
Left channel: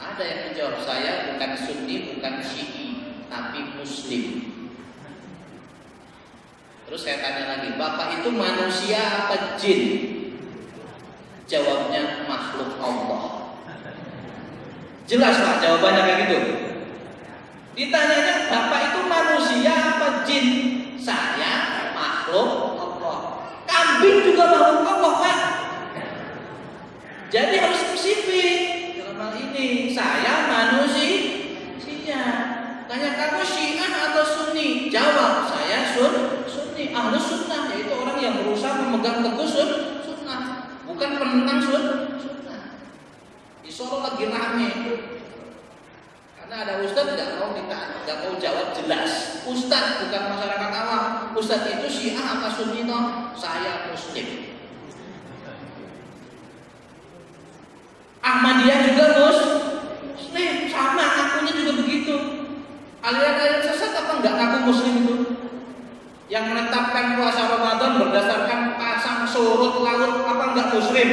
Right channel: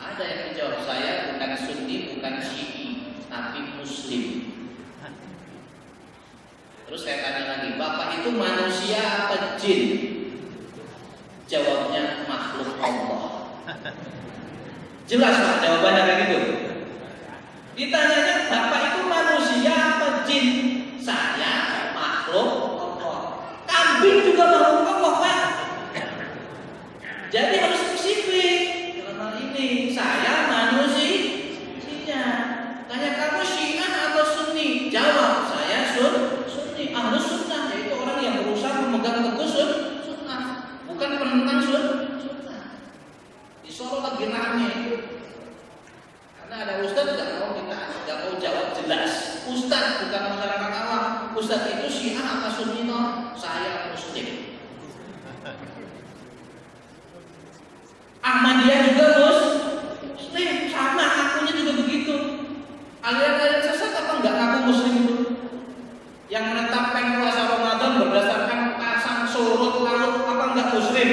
Ada yang menjawab, saya bukan Sunni, bukan Syi'i, tapi Muslim. Terus saya tanya lagi, bapak itu manusia apa jin? Jawabnya makhluk Allah. Jelas pak jawabannya kayak gitu. Ditanyanya, bapak itu manusia apa jin? Saya makhluk Allah. Kambing juga makhluk Allah pak. Jadi harus spesifik. Dalam hal ini saya manusia. Tanya kamu Syiah atau Sunni? Jawab, saya Sunni. Ahlus sunnah, yaitu orang yang berusaha memegang teguh sunnah, bukan penentang sunnah. Di Solo lagi rame karena ada ustadz nggak mau jawab jelas. Ustadz bukan masyarakat awam. Ustadz itu Syiah apa Sunni toh? Saya Muslim. Ahmadiyah juga Muslim, sama akunya juga begitu. Aliran-aliran sesat apa enggak ngaku Muslim itu? Yang menetapkan puasa Ramadan berdasarkan pasang surut laut apa enggak Muslim?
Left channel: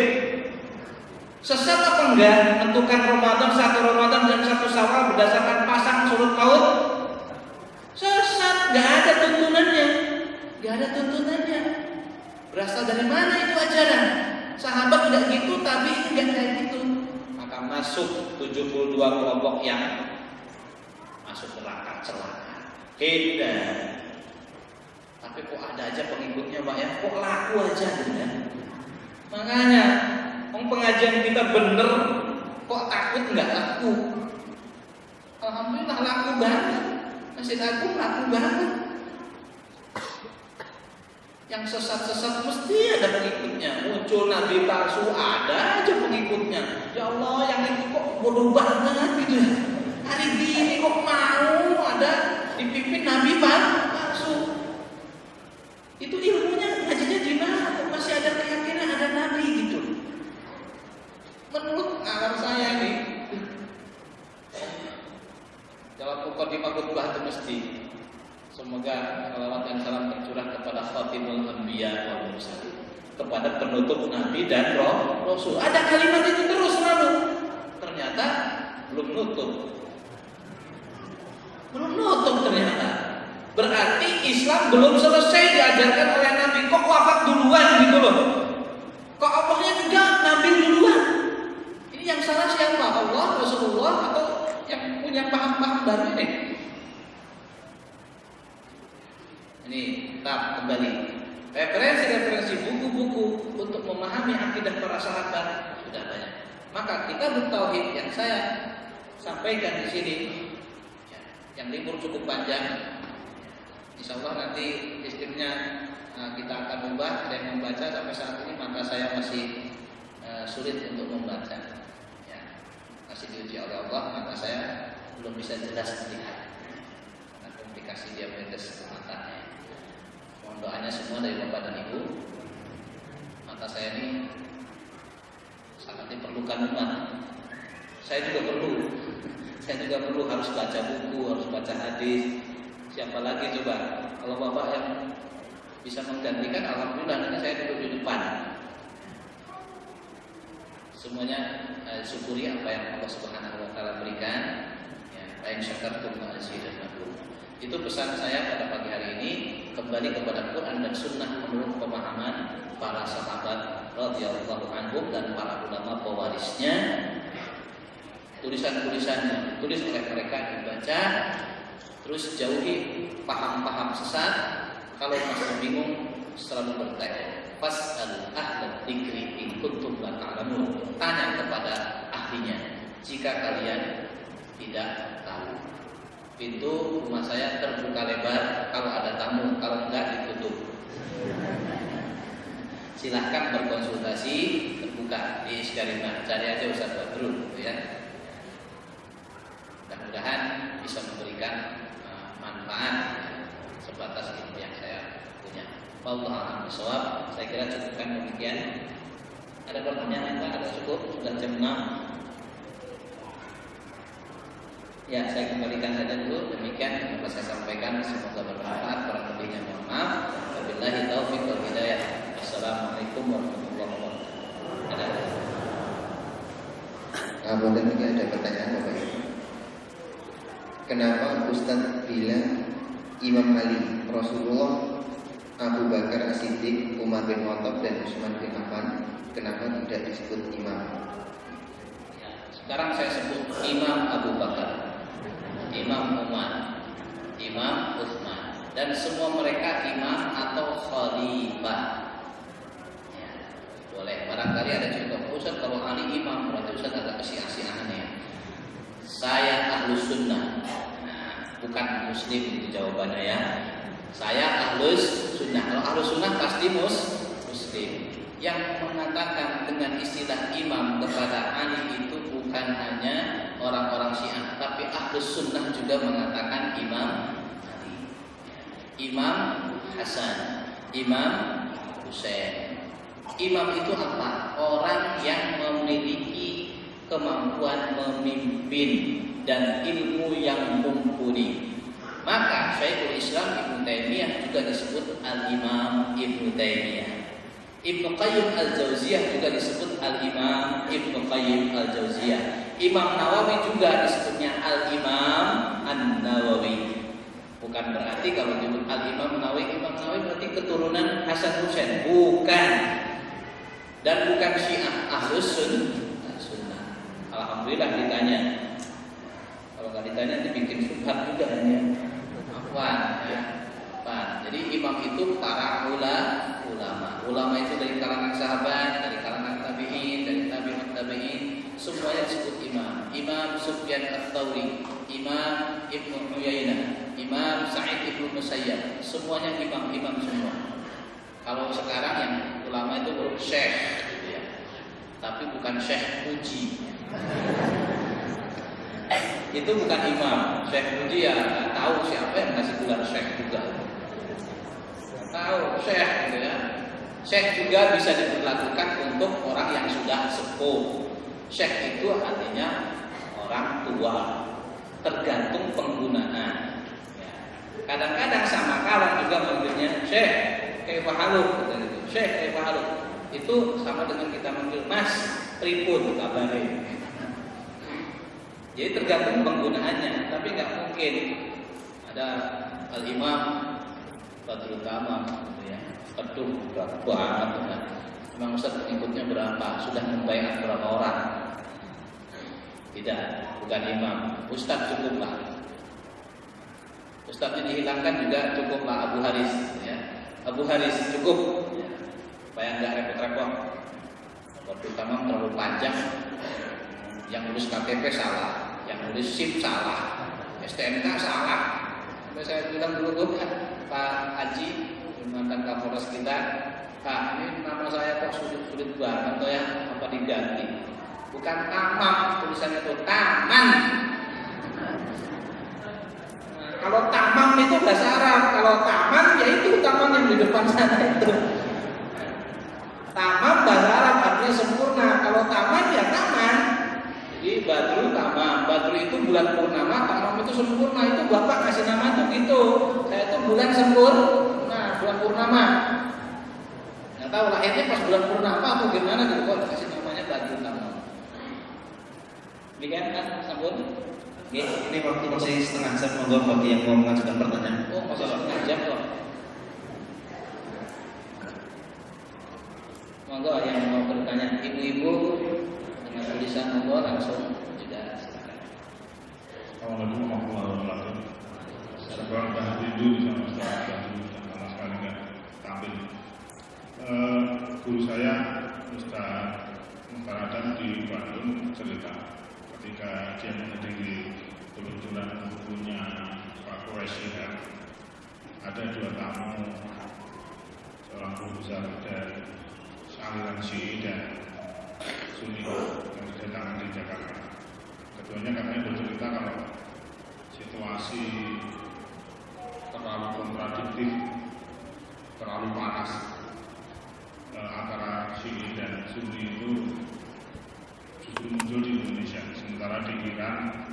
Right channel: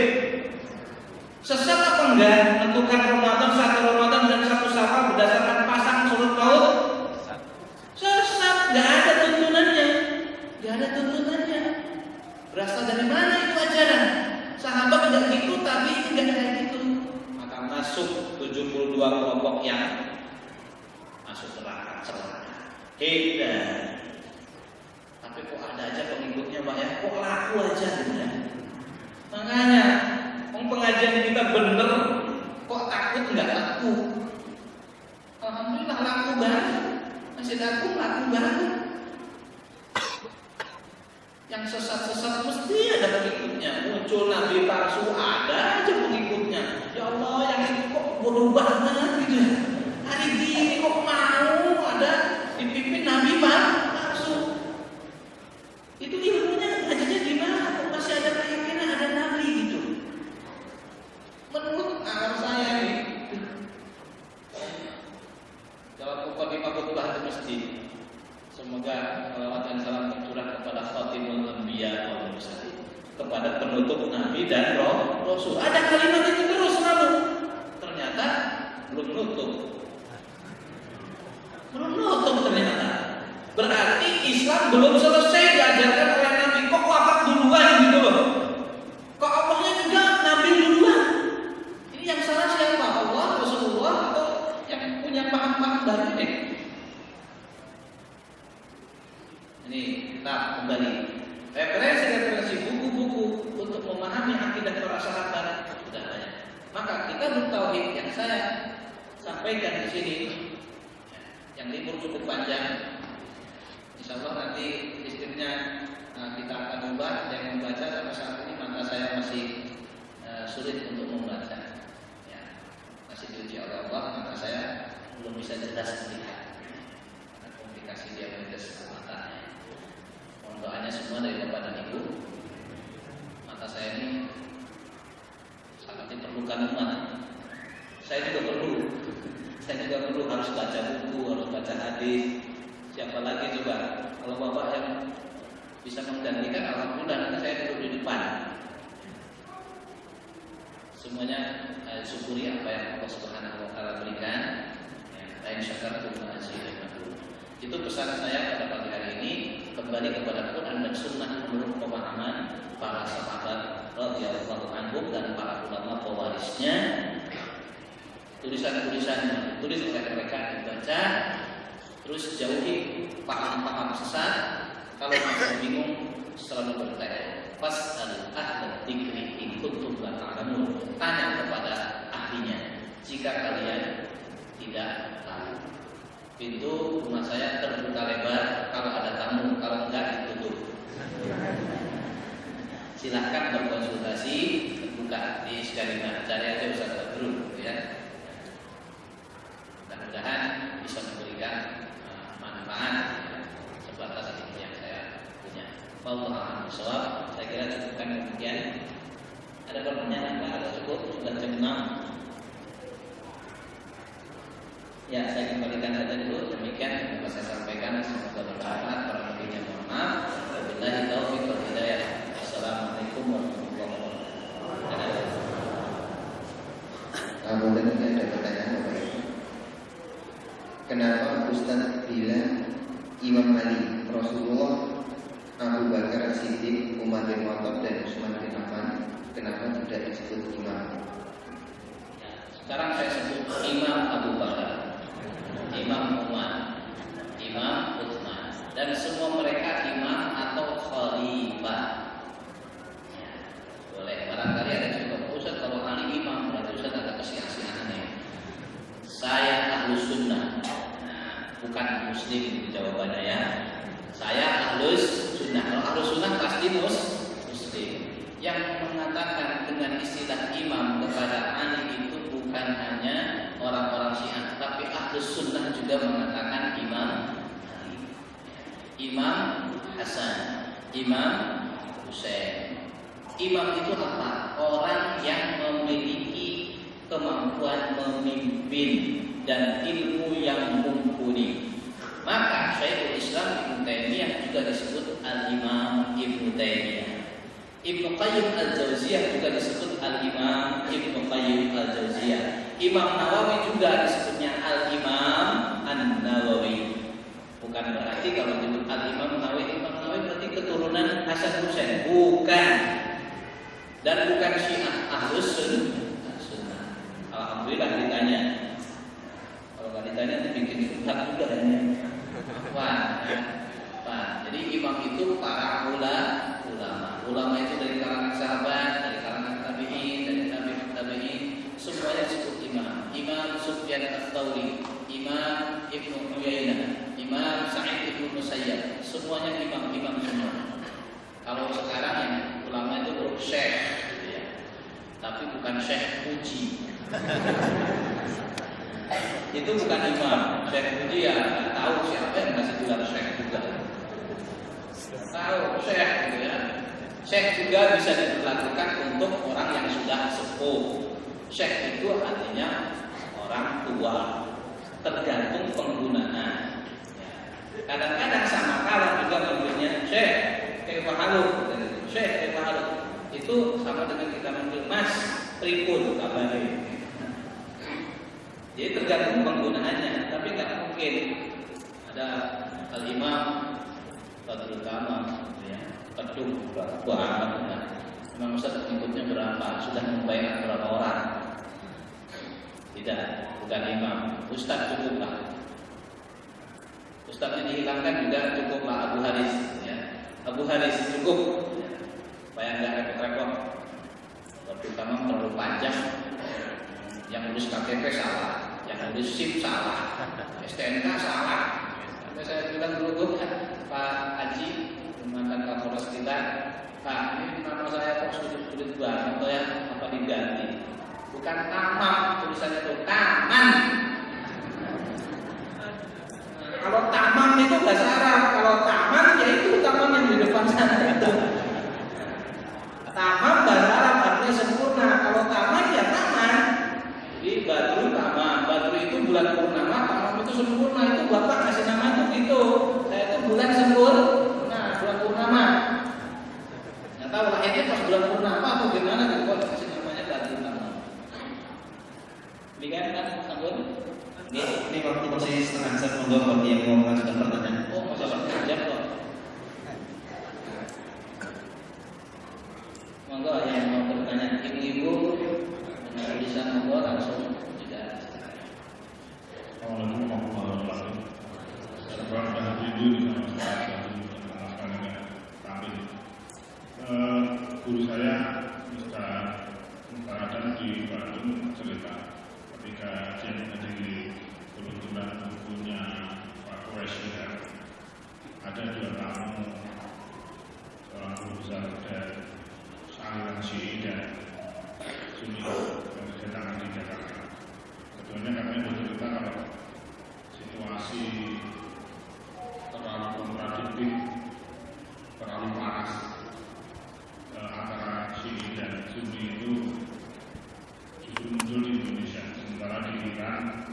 Sesat apa enggak menentukan Ramadan, 1 Ramadan dan 1 Syawal berdasarkan pasang surut laut? Sesat, enggak ada tuntunannya. Enggak ada tuntunannya. Berasal dari mana itu ajaran? Sahabat tidak gitu, tapi enggak kayak gitu. Maka masuk 72 kelompok yang masuk neraka celaka. Hebat. Tapi kok ada aja pengikutnya Pak ya? Kok laku aja ya? Makanya pengajian kita bener, kok takut nggak laku? Alhamdulillah laku banget. Masih laku banget. Yang sesat-sesat mesti ada pengikutnya. Muncul nabi palsu, ada aja pengikutnya. Ya Allah, yang itu kok bodoh banget gitu ya. Hari ini kok mau ada dipimpin nabi palsu. Itu ilmunya ngajinya di mana? Kok masih ada keyakinan ada nabi gitu. Menurut akal saya nih, dalam pokok di khutbah itu mesti semoga salawat dan salam tercurah kepada Khatimul Anbiya wal Mursalin, kepada penutup nabi dan rasul. Ada kalimat itu terus selalu. Ternyata belum nutup ternyata. Berarti Islam belum selesai diajarkan oleh Nabi. Kok wafat duluan gitu loh? Kok Allahnya juga Nabi duluan? Ini yang salah siapa? Allah, Rasulullah, atau yang punya paham-paham baru ini? Ini kita kembali. Referensi buku-buku untuk memahami akidah para sahabat sudah banyak. Maka kita bertauhid yang saya sampaikan di sini, yang libur cukup panjang. Insya Allah nanti listriknya kita akan ubah. Yang membaca sampai saat ini mata saya masih sulit untuk membaca. Ya, masih diuji oleh Allah, mata saya belum bisa jelas melihat karena komplikasi diabetes matanya. Mohon doanya semua dari Bapak dan Ibu. Mata saya ini sangat diperlukan umat. Saya juga perlu harus baca buku, harus baca hadis. Siapa lagi coba? Kalau Bapak yang bisa menggantikan, alhamdulillah nanti saya duduk di depan. Semuanya syukuri apa yang Allah Subhanahu wa taala berikan. Ya, lain syakartum fa azidannakum. Itu pesan saya pada pagi hari ini, kembali kepada Quran dan Sunnah menurut pemahaman para sahabat radhiyallahu anhum dan para ulama pewarisnya. Tulisan-tulisan ditulis oleh mereka dibaca. Terus jauhi paham-paham sesat. Kalau masih bingung selalu bertanya. Fas'al ahla dzikri in kuntum la ta'lamun. Tanya kepada ahlinya jika kalian tidak tahu. Pintu rumah saya terbuka lebar kalau ada tamu, kalau enggak ditutup. Silahkan berkonsultasi, terbuka di Iskarina. Cari aja Ustaz Badrul, ya. Mudah-mudahan bisa memberikan manfaat sebatas ilmu yang saya punya. Wallahu a'lam bishawab. Saya kira cukupkan demikian. Ada pertanyaan apa? Ada cukup? Sudah jam 6. Ya, saya kembalikan saja dulu. Demikian yang dapat saya sampaikan. Semoga bermanfaat. Kurang lebihnya mohon maaf. Wabillahi taufiq wal hidayah. Assalamualaikum warahmatullahi wabarakatuh. Kemudian ini ada pertanyaan Bapak Ibu. Kenapa Ustaz bilang Imam Ali, Rasulullah, Abu Bakar As-Siddiq, Umar bin Khattab dan Utsman bin Affan, kenapa tidak disebut imam? Ya, sekarang saya sebut Imam Abu Bakar, Imam Umar, Imam Utsman, dan semua mereka imam atau khalifah. Ya, boleh. Barangkali ada juga Ustaz kalau Ali imam berarti Ustaz ada kesia-siaannya. Saya Ahlus Sunnah. Bukan Muslim itu jawabannya ya. Saya Ahlus Sunnah. Kalau Ahlus Sunnah pasti Muslim. Yang mengatakan dengan istilah imam kepada Ali itu bukan hanya orang-orang Syiah, tapi Ahlus Sunnah juga mengatakan imam Ali. Imam Hasan, Imam Husain. Imam itu apa? Orang yang memiliki kemampuan memimpin dan ilmu yang mumpuni. Maka Syekhul Islam Ibnu Taimiyah juga disebut Al-Imam Ibnu Taimiyah. Ibnu Qayyim Al-Jauziyah juga disebut Al-Imam Ibnu Qayyim Al-Jauziyah. Imam Nawawi juga disebutnya Al-Imam An-Nawawi. Bukan berarti kalau disebut Al-Imam Nawawi, Imam Nawawi berarti keturunan Hasan Husain. Bukan. Dan bukan Syiah Ahlus Sunnah. Alhamdulillah ditanya. Kalau nggak ditanya dibikin subhat juga hanya. Wah, ya. Wah, jadi imam itu para ulama. Ulama itu dari kalangan sahabat, dari kalangan tabi'in, dari tabi'in, semuanya disebut imam. Imam Sufyan Ats-Tsauri, Imam Ibnu Uyainah, Imam Sa'id Ibnu Musayyab, semuanya imam-imam semua. Kalau sekarang yang ulama itu syekh, gitu ya. Tapi bukan syekh puji. Itu bukan imam. Syekh puji ya nggak tahu siapa yang kasih gelar syekh juga. Tahu syekh, gitu ya. Syekh juga bisa diberlakukan untuk orang yang sudah sepuh. Syekh itu artinya orang tua, tergantung penggunaan. Kadang-kadang sama kalah juga manggilnya Syekh kayak pahaluk, Syekh kayak pahaluk. Itu sama dengan kita manggil Mas pripun kabarnya. Jadi tergantung penggunaannya, tapi nggak mungkin ada Al-Imam Badrul Tamam, ya, pedung berapa banget, Imam Ustaz pengikutnya berapa, sudah membayar berapa orang? Tidak, bukan imam. Ustaz cukuplah. Ustaznya dihilangkan juga cukuplah Abu Haris, ya. Abu Haris cukup, ya. Supaya nggak repot-repot. Badrul Tamam terlalu panjang, yang nulis KTP salah, yang nulis SIM salah, STNK salah. Sampai saya bilang dulu Pak Haji, mantan Kapolres kita, Pak, ini nama saya kok sulit-sulit banget ya, apa diganti? Bukan tamam, tulisannya itu taman. Kalau tamam itu bahasa Arab, kalau taman ya itu taman yang di depan sana itu. Tamam bahasa Arab artinya sempurna. Kalau taman ya taman. Jadi Badrul Tamam. Badrul itu bulan purnama, tamam itu sempurna. Itu Bapak kasih nama itu gitu. Saya itu bulan sempurna, bulan purnama. Nggak tahu lahirnya pas bulan purnama atau gimana gitu kok kasih namanya Badrul Tamam. Demikian kan sambut. Ini waktu masih setengah jam, monggo bagi yang mau mengajukan pertanyaan. Oh, masih setengah jam kok. Monggo yang mau bertanya, ibu-ibu dengan tulisan monggo langsung juga. Assalamualaikum warahmatullahi wabarakatuh. Sekarang dah tidur di sama sekali nggak tampil. Guru saya Ustaz Mustaradam di Bandung cerita ketika dia menghadiri peluncuran bukunya Pak Quraisy, ada dua tamu, seorang guru besar dari aliran Syi'i dan Sunni yang kedatangan di Jakarta. Keduanya kami bercerita kalau situasi terlalu kontradiktif, terlalu panas antara Syi'i dan Sunni itu justru muncul di Indonesia. Sementara di Iran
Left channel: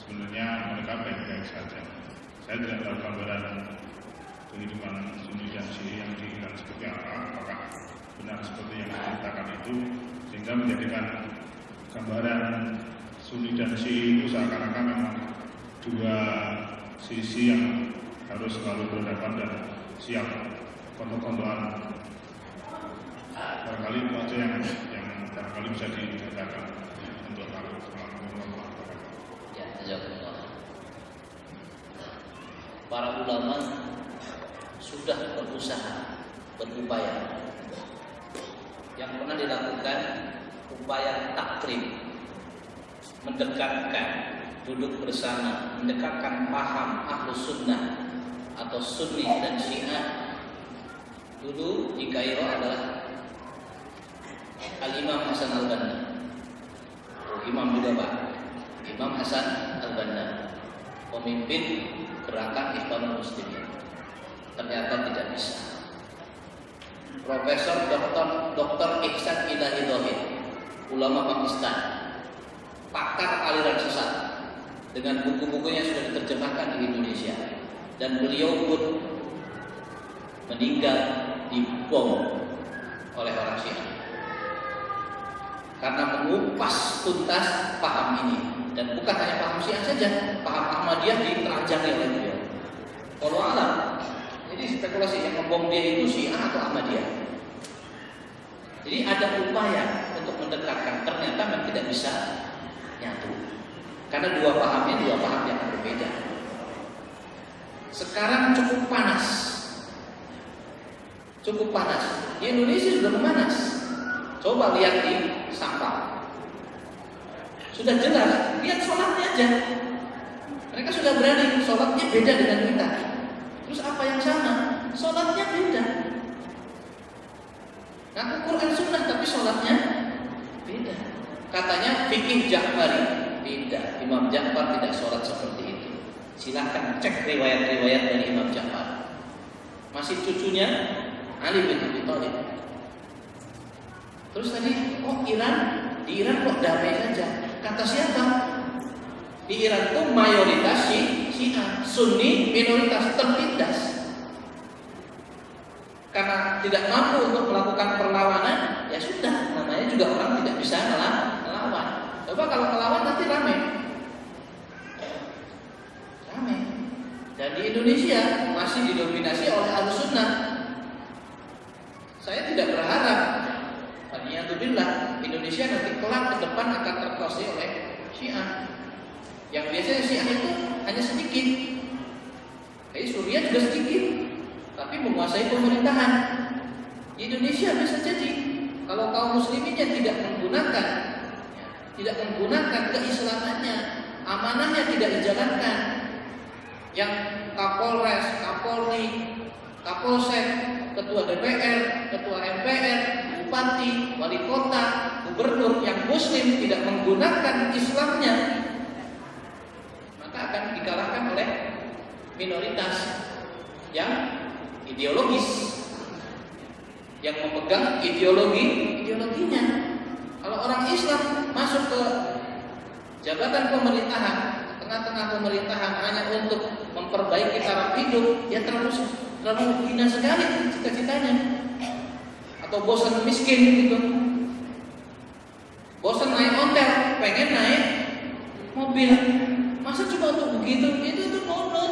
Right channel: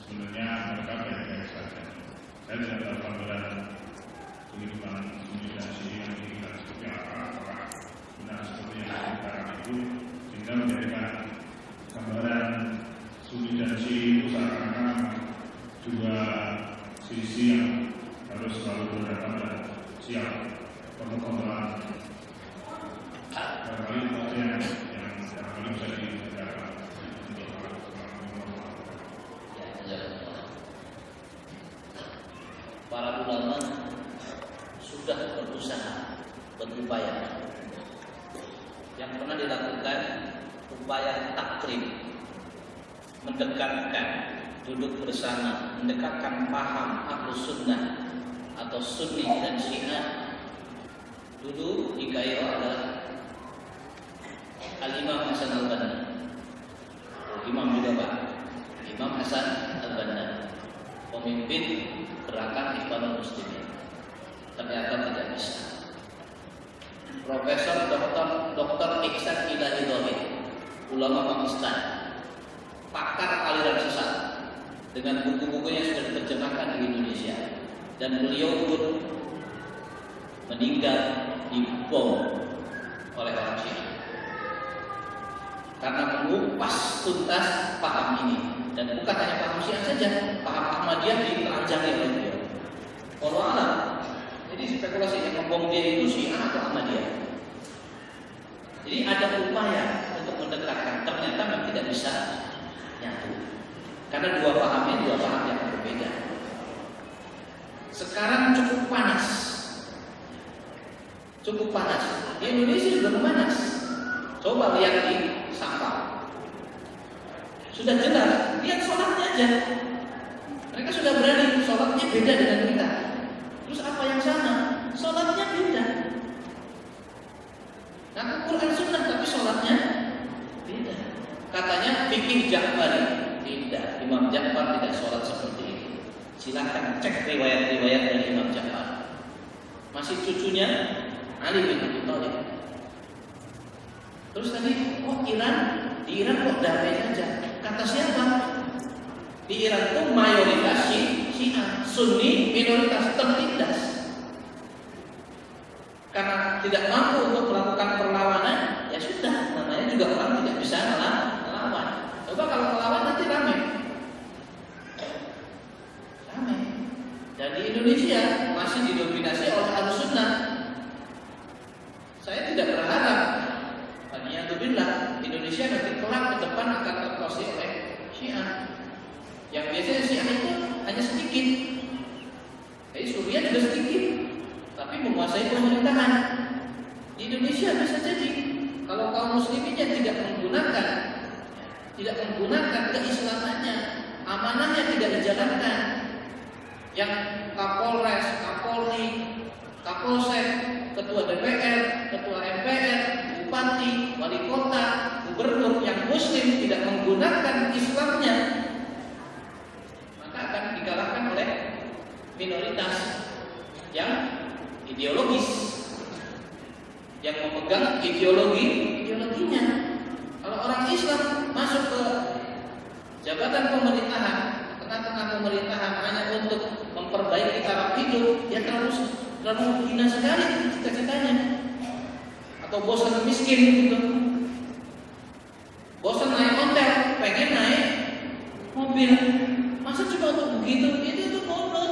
sebenarnya mereka baik-baik saja. Saya tidak tahu gambaran kehidupan Sunni dan Syi'i yang di Iran seperti apa, apakah benar seperti yang diceritakan itu, sehingga menjadikan gambaran Sunni dan Syi'i itu seakan-akan dua sisi yang harus selalu berhadapan dan siap kontak-kontakan. Barangkali itu aja yang barangkali bisa diceritakan untuk para Ya, jazakallah. Para ulama sudah berusaha, berupaya. Yang pernah dilakukan upaya takrib, mendekatkan, duduk bersama, mendekatkan paham Ahlus Sunnah atau Sunni dan Syiah. Dulu di Kairo adalah Al-Imam Hasan Al-Banna, imam juga Pak, Imam Hasan Al-Banna, pemimpin gerakan Ikhwanul Muslimin. Ternyata tidak bisa. Profesor Dr. Ihsan Ilahi, ulama Pakistan, pakar aliran sesat, dengan buku-bukunya sudah diterjemahkan di Indonesia, dan beliau pun meninggal dibom oleh orang Syiah karena mengupas tuntas paham ini. Dan bukan hanya paham Syiah saja, paham Ahmadiyah ditelanjangi oleh beliau. Wallahu a'lam. Jadi spekulasi yang membom dia itu Syiah atau Ahmadiyah. Jadi ada upaya untuk mendekatkan, ternyata memang tidak bisa nyatu. Karena dua paham yang berbeda. Sekarang cukup panas. Cukup panas. Di Indonesia sudah memanas. Coba lihat di Sabang. Sudah jelas, lihat sholatnya aja. Mereka sudah berani, sholatnya beda dengan kita. Terus apa yang sama? Sholatnya beda. Ngaku Quran Sunnah tapi sholatnya beda. Katanya fikih Ja'fari. Tidak, Imam Ja'far tidak sholat seperti itu. Silahkan cek riwayat-riwayat dari Imam Ja'far. Masih cucunya Ali bin Abi Thalib. Terus tadi, di Iran kok damai saja? Kata siapa? Di Iran itu mayoritas Syiah, Sunni minoritas, tertindas. Karena tidak mampu untuk melakukan perlawanan, ya sudah, namanya juga orang tidak bisa melawan. Coba kalau melawan nanti rame. Dan di Indonesia masih didominasi oleh Ahlussunnah. Saya tidak berharap Alhamdulillah Indonesia nanti kelak ke depan akan terkuasai oleh Syiah. Yang biasanya Syiah itu hanya sedikit. Suriah juga sedikit, tapi menguasai pemerintahan. Di Indonesia bisa jadi kalau kaum musliminnya tidak menggunakan keislamannya, amanahnya tidak dijalankan. Yang Kapolres, Kapolri, Kapolsek, Ketua DPR, Ketua MPR, Bupati, Wali Kota, Gubernur yang Muslim tidak menggunakan Islamnya, maka akan dikalahkan oleh minoritas yang ideologis, yang memegang ideologinya. Kalau orang Islam masuk ke jabatan pemerintahan, tengah-tengah pemerintahan hanya untuk memperbaiki taraf hidup, ya terlalu hina sekali cita-citanya. Atau bosan miskin gitu, bosan naik ontel, pengen naik mobil, masa cuma untuk begitu? Itu monon.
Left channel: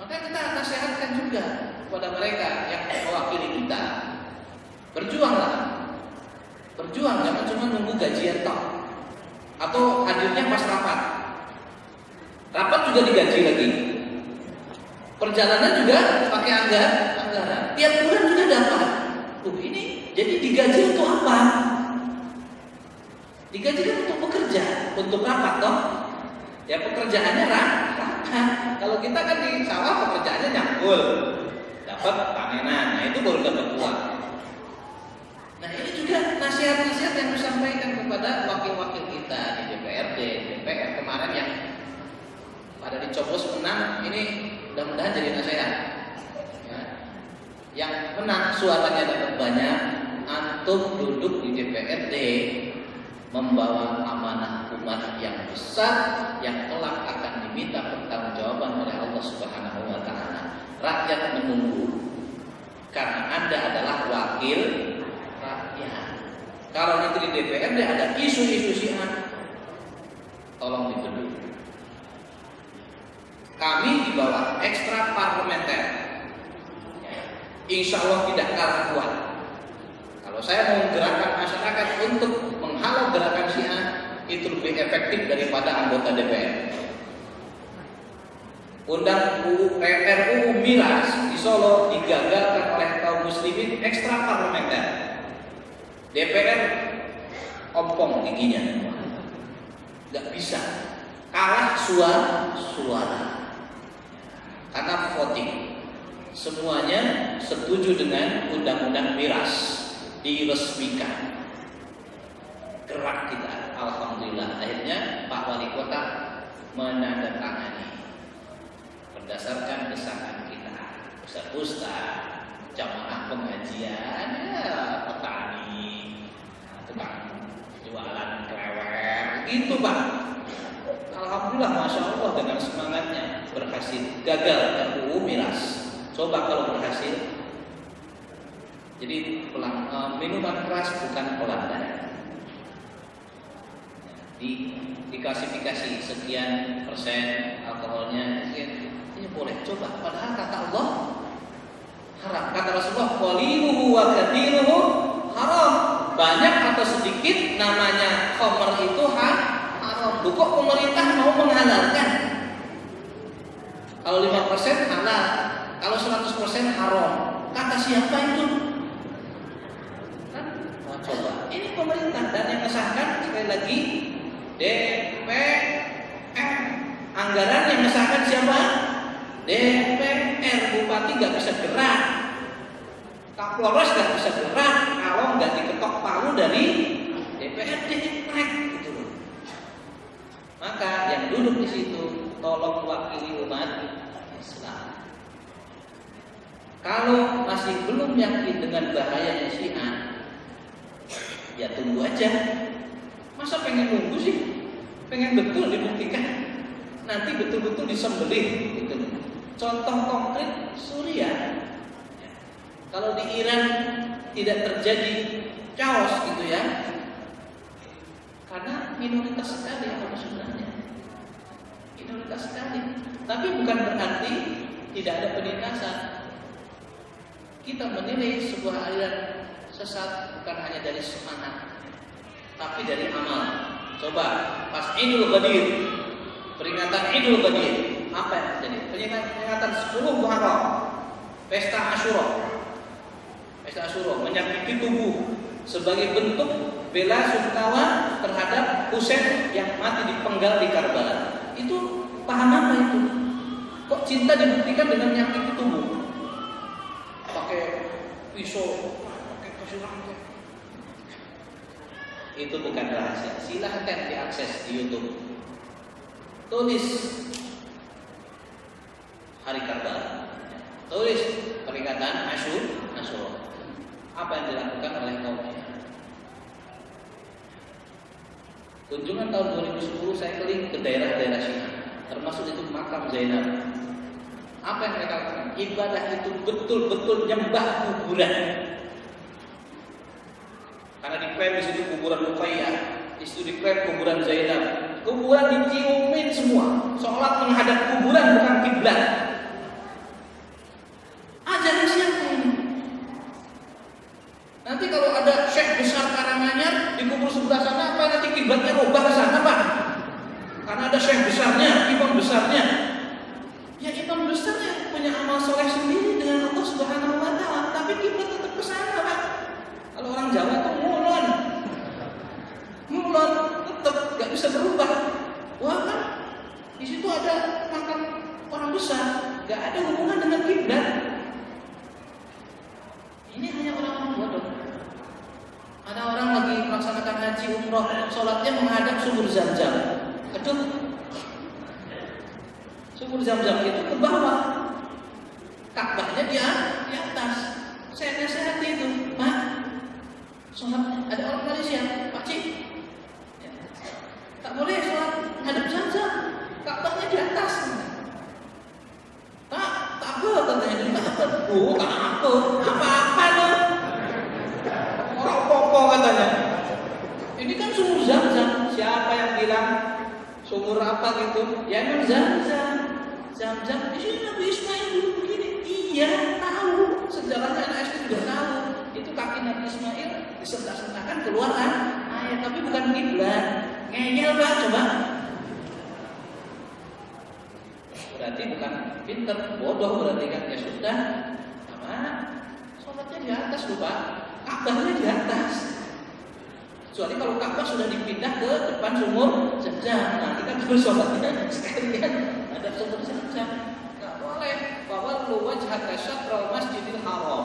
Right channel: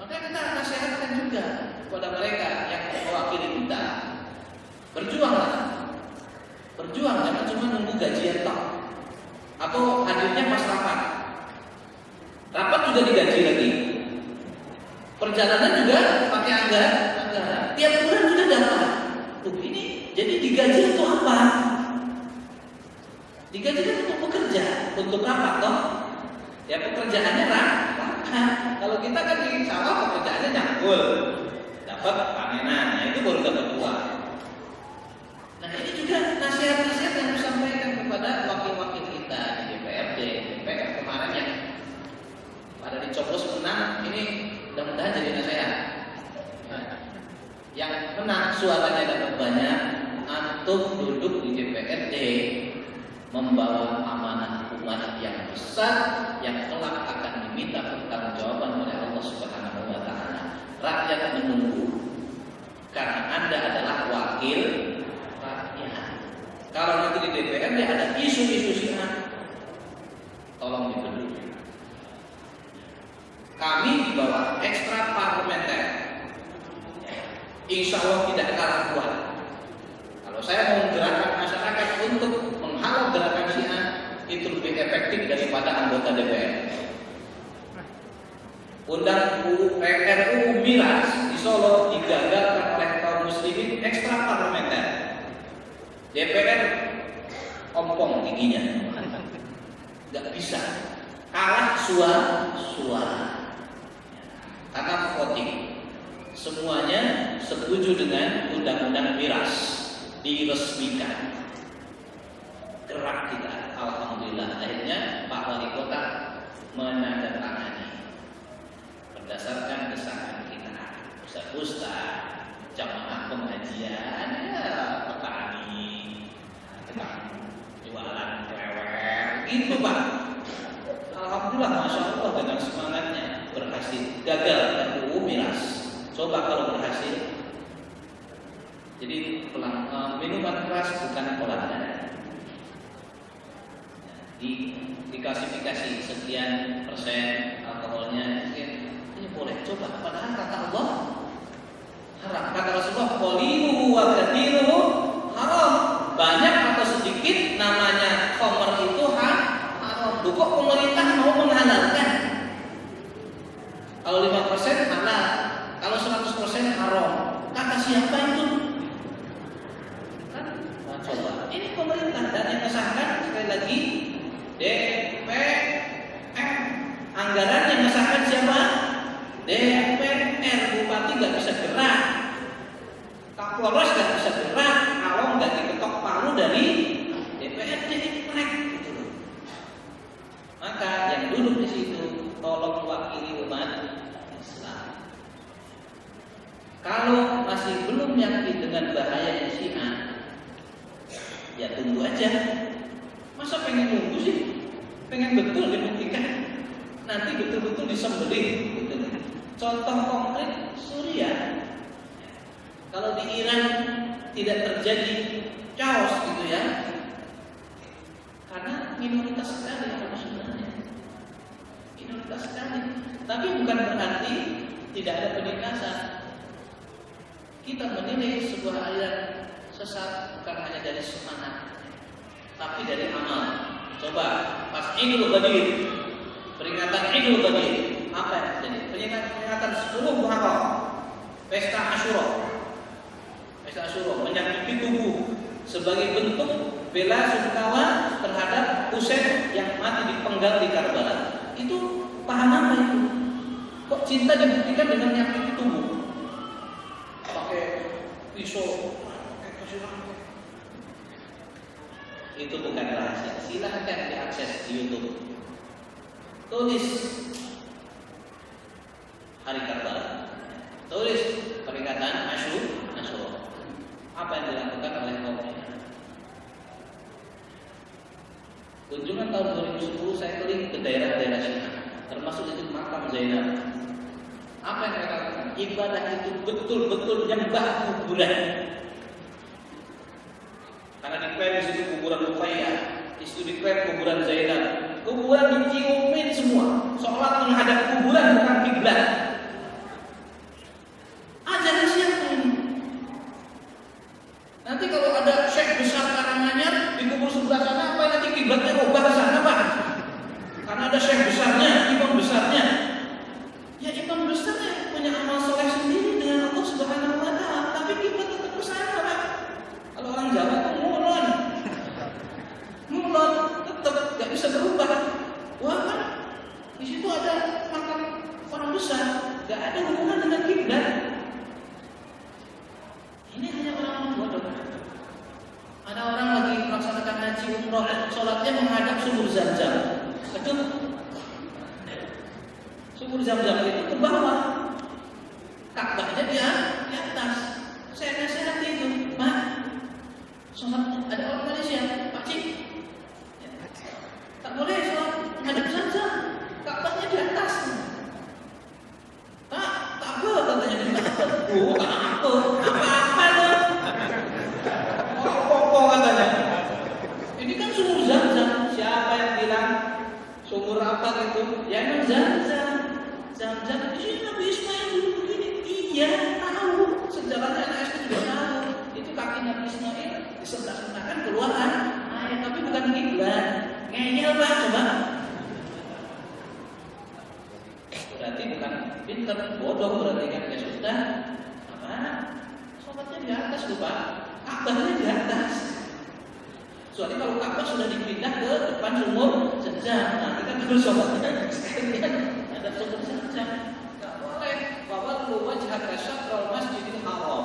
Maka kita nasihatkan juga kepada mereka yang mewakili kita, berjuang, jangan cuma nunggu gajian tok, atau hadirnya pas rapat juga digaji lagi, perjalanan juga pakai anggaran. Tiap bulan sudah dapat. Ini jadi digaji untuk apa? Digaji kan untuk bekerja, untuk rapat toh. Ya pekerjaannya rapat. Kalau kita kan di sawah pekerjaannya nyangkul, dapat panenan, nah itu baru dapat uang. Nah ini juga nasihat-nasihat yang disampaikan kepada wakil-wakil kita di DPRD, DPR kemarin yang pada dicoblos menang, ini mudah-mudahan jadi nasihat. Yang menang suaranya dapat banyak, antum duduk di DPRD membawa amanah umat yang besar yang kelak akan diminta pertanggungjawaban oleh Allah Subhanahu wa taala. Rakyat menunggu karena Anda adalah wakil rakyat. Kalau nanti di DPRD ada isu-isu Syiah, tolong dibendung. Kami di bawah ekstra parlementer, insya Allah tidak kalah kuat. Kalau saya mau menggerakkan masyarakat untuk menghalau gerakan Syiah, itu lebih efektif daripada anggota DPR. Undang RUU Miras di Solo digagalkan oleh kaum muslimin ekstra parlementer. DPR ompong giginya, nggak bisa, kalah suara karena voting. Semuanya setuju dengan undang-undang miras diresmikan. Gerak kita, alhamdulillah. Akhirnya Pak Wali Kota menandatangani. berdasarkan desakan kita, ustaz, jamaah pengajian, ya petani, tukang jualan klewer, gitu Pak. Alhamdulillah, masya Allah dengan semangatnya berhasil. Gagal RUU miras. Coba kalau berhasil. Jadi minuman keras bukan pelanda. Diklasifikasi sekian persen alkoholnya, ini boleh coba. Padahal kata Allah haram. Kata Rasulullah, qaliluhu wa katsiruhu haram. Banyak atau sedikit namanya khamr itu haram. Kok pemerintah mau menghalalkan? Kalau 5% halal, kalau 100% haram. Kata siapa itu? Kan? Nah, coba. Ini pemerintah dan yang mengesahkan sekali lagi DPR. Anggaran yang mengesahkan siapa? DPR. Bupati nggak bisa gerak, Kapolres nggak bisa gerak kalau nggak diketok palu dari DPRD gitu loh. Maka yang duduk di situ tolong wakili umat Islam. Kalau masih belum yakin dengan bahayanya Syiah, ya tunggu aja. Masa pengen nunggu sih? Pengen betul dibuktikan, nanti betul-betul disembelih gitu. Contoh konkret Suriah. Kalau di Iran tidak terjadi chaos gitu ya, karena minoritas sekali orang sebenarnya, minoritas sekali. Tapi bukan berarti tidak ada penindasan. Kita menilai sebuah aliran sesat bukan hanya dari semangat, tapi dari amal. Coba pas Idul Qadir, peringatan Idul Qadir, apa yang terjadi? Peringatan 10 Muharram, pesta Asyura. Pesta Asyura menyakiti tubuh sebagai bentuk bela sungkawa terhadap Husain yang mati dipenggal di Karbala. Itu paham apa itu? Kok cinta dibuktikan dengan menyakiti tubuh? Pakai pisau, pakai kasih. Itu bukan rahasia. Silahkan diakses di YouTube. Tulis hari Karbala, tulis peringatan Asyura. Apa yang dilakukan oleh kaum Syiah? Kunjungan tahun 2010 saya keliling ke daerah-daerah Syiah, termasuk itu makam Zainab. Apa yang mereka lakukan? Ibadah itu betul-betul nyembah kuburan. Karena diklaim di situ kuburan Ruqayyah, di situ diklaim kuburan Zainab. Kuburan diciumin semua, sholat menghadap kuburan bukan kiblat. Ajaran siapa ini? Nanti kalau ada syekh besar Karanganyar di kubur sebelah sana, apa nanti kiblatnya rubah ke sana Pak? Karena ada syekh besarnya, imam besarnya. Ya imam besarnya punya amal soleh sendiri dengan Allah Subhanahu Wa Taala, tapi kiblat tetap ke sana Pak. Kalau orang Jawa itu mulon, tetap nggak bisa berubah. Wah kan, di situ ada makam orang besar, nggak ada hubungan dengan kiblat. Ini hanya orang bodoh. Ada orang lagi melaksanakan haji umroh, sholatnya menghadap sumur Zam-Zam. Aduh, sumur Zam-Zam itu ke bawah, Ka'bahnya di atas. Saya nasihati itu, Pak. Sholat ada orang Malaysia, Pak Cik, tak boleh sholat menghadap Zam-Zam, Ka'bahnya di atas. Tak apa katanya di atas. Oh, tak apa loh. Apa katanya? Ini kan sumur Zam-Zam. Siapa yang bilang sumur apa gitu? Ya memang Zam-Zam. Zam-Zam itu Nabi Ismail dulu begini. Iya, tahu. Sejarahnya anak SD juga tahu. Itu kaki Nabi Ismail disentak-sentakan keluar air, tapi bukan kiblat. Ngeyel Pak, coba. Berarti bukan pinter, bodoh berarti kan. Ya sudah, apa? Sholatnya di atas lupa, Ka'bahnya di atas. Kecuali kalau Ka'bah sudah dipindah ke depan sumur Zam-Zam, nah kita harus sholatnya sekalian ada sumur Zam-Zam. Nggak boleh. Bahwa wajhaka syatral masjidil haram,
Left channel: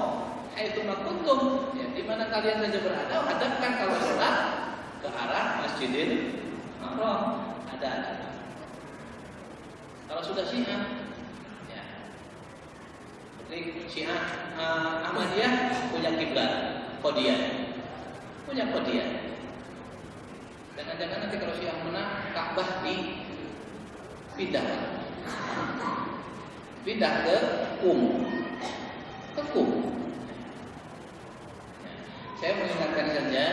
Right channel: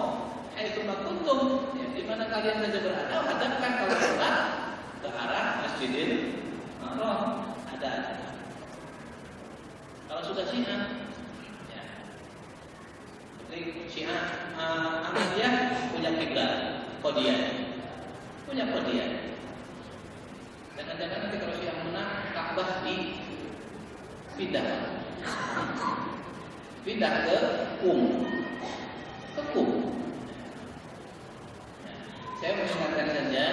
haitsu ma kuntum, ya di mana kalian saja berada, hadapkan kalau sholat ke arah Masjidil Haram. Ada. Kalau sudah Syiah, ya Syiah Ahmadiyah punya kiblat Qadiyah, punya Qadiyah. Jangan-jangan nanti kalau Syiah menang Ka'bah pindah ke Qum. Saya mengingatkan saja,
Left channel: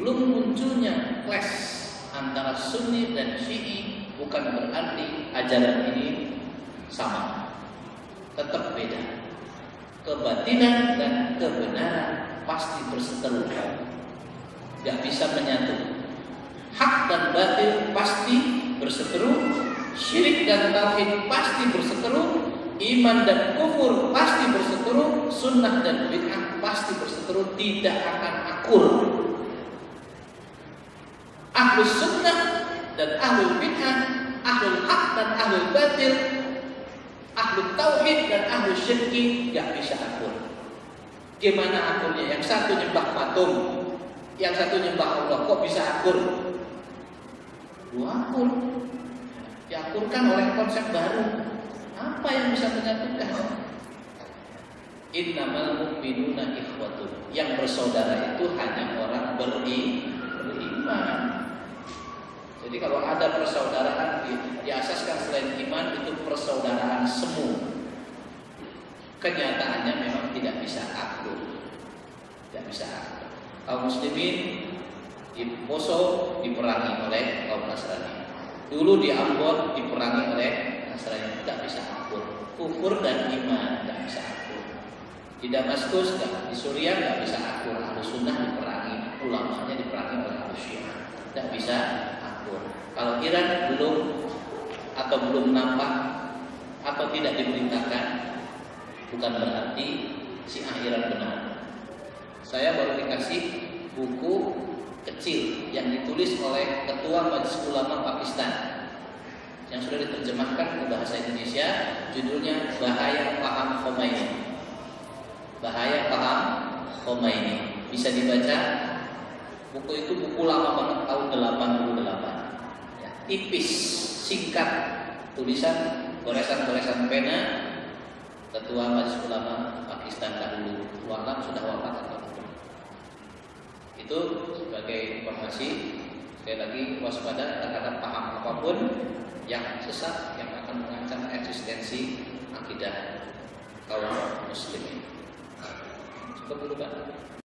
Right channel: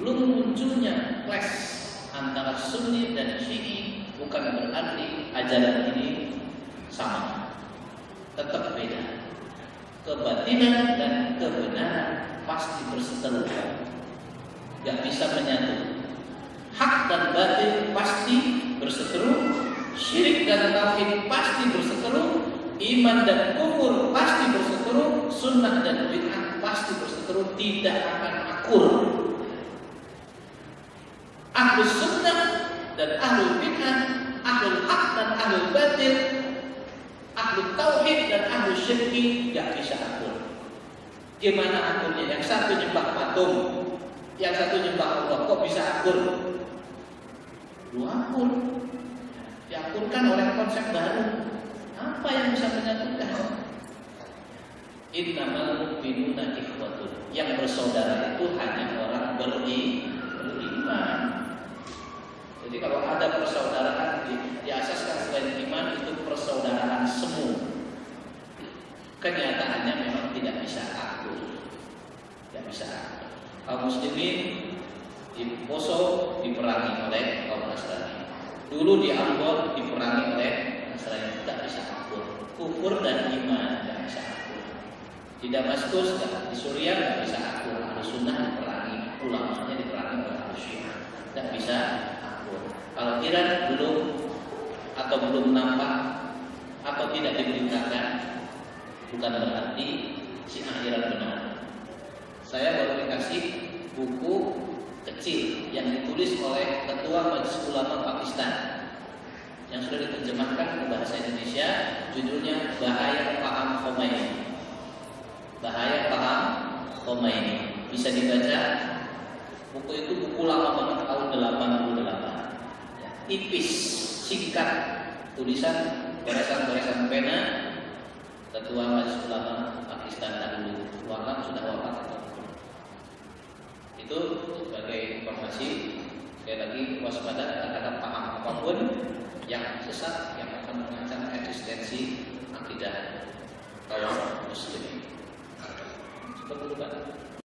belum munculnya clash antara Sunni dan Syi'i bukan berarti ajaran ini sama, tetap beda. Kebatinan dan kebenaran pasti berseteru, gak bisa menyatu. Hak dan batil pasti berseteru, syirik dan tauhid pasti berseteru, iman dan kufur pasti berseteru, sunnah dan bid'ah pasti berseteru, tidak akan akur. Ahlus sunnah dan ahlul bid'ah, ahlul hak dan ahlul batil, ahlul tauhid dan ahlul syirki gak bisa akur. Gimana akurnya? Yang satu nyembah patung, yang satu nyembah Allah, kok bisa akur? Lu akur. Diakurkan oleh konsep baru. Apa yang bisa menyatukan? Innamal mu'minuna ikhwatun. Yang bersaudara itu hanya orang beriman. Jadi kalau ada persaudaraan diasaskan selain iman, itu persaudaraan semu. Kenyataannya memang tidak bisa akur. Tidak bisa akur. Kaum muslimin di Poso diperangi oleh kaum Nasrani. Dulu di Ambon diperangi oleh Nasrani, tidak bisa akur. Kufur dan iman tidak bisa akur. Di Damaskus, di Suriah tidak bisa akur. Ahlus sunnah diperangi, ulamanya diperangi oleh Ahlus Syiah, tidak bisa akur. Kalau Iran belum nampak atau tidak diberitakan, bukan berarti Syiah Iran benar. Saya baru dikasih buku kecil yang ditulis oleh Ketua Majelis Ulama Pakistan yang sudah diterjemahkan ke bahasa Indonesia, judulnya Bahaya Paham Khomeini. Bahaya Paham Khomeini. Bisa dibaca. Buku itu buku lama banget, tahun 88. Ya, tipis, singkat, tulisan goresan-goresan pena Ketua Majelis Ulama Pakistan dahulu. Wafat, sudah wafat atau itu sebagai informasi. Sekali lagi waspada terhadap paham apapun yang sesat yang akan mengancam eksistensi akidah kaum muslimin. Cukup dulu Pak.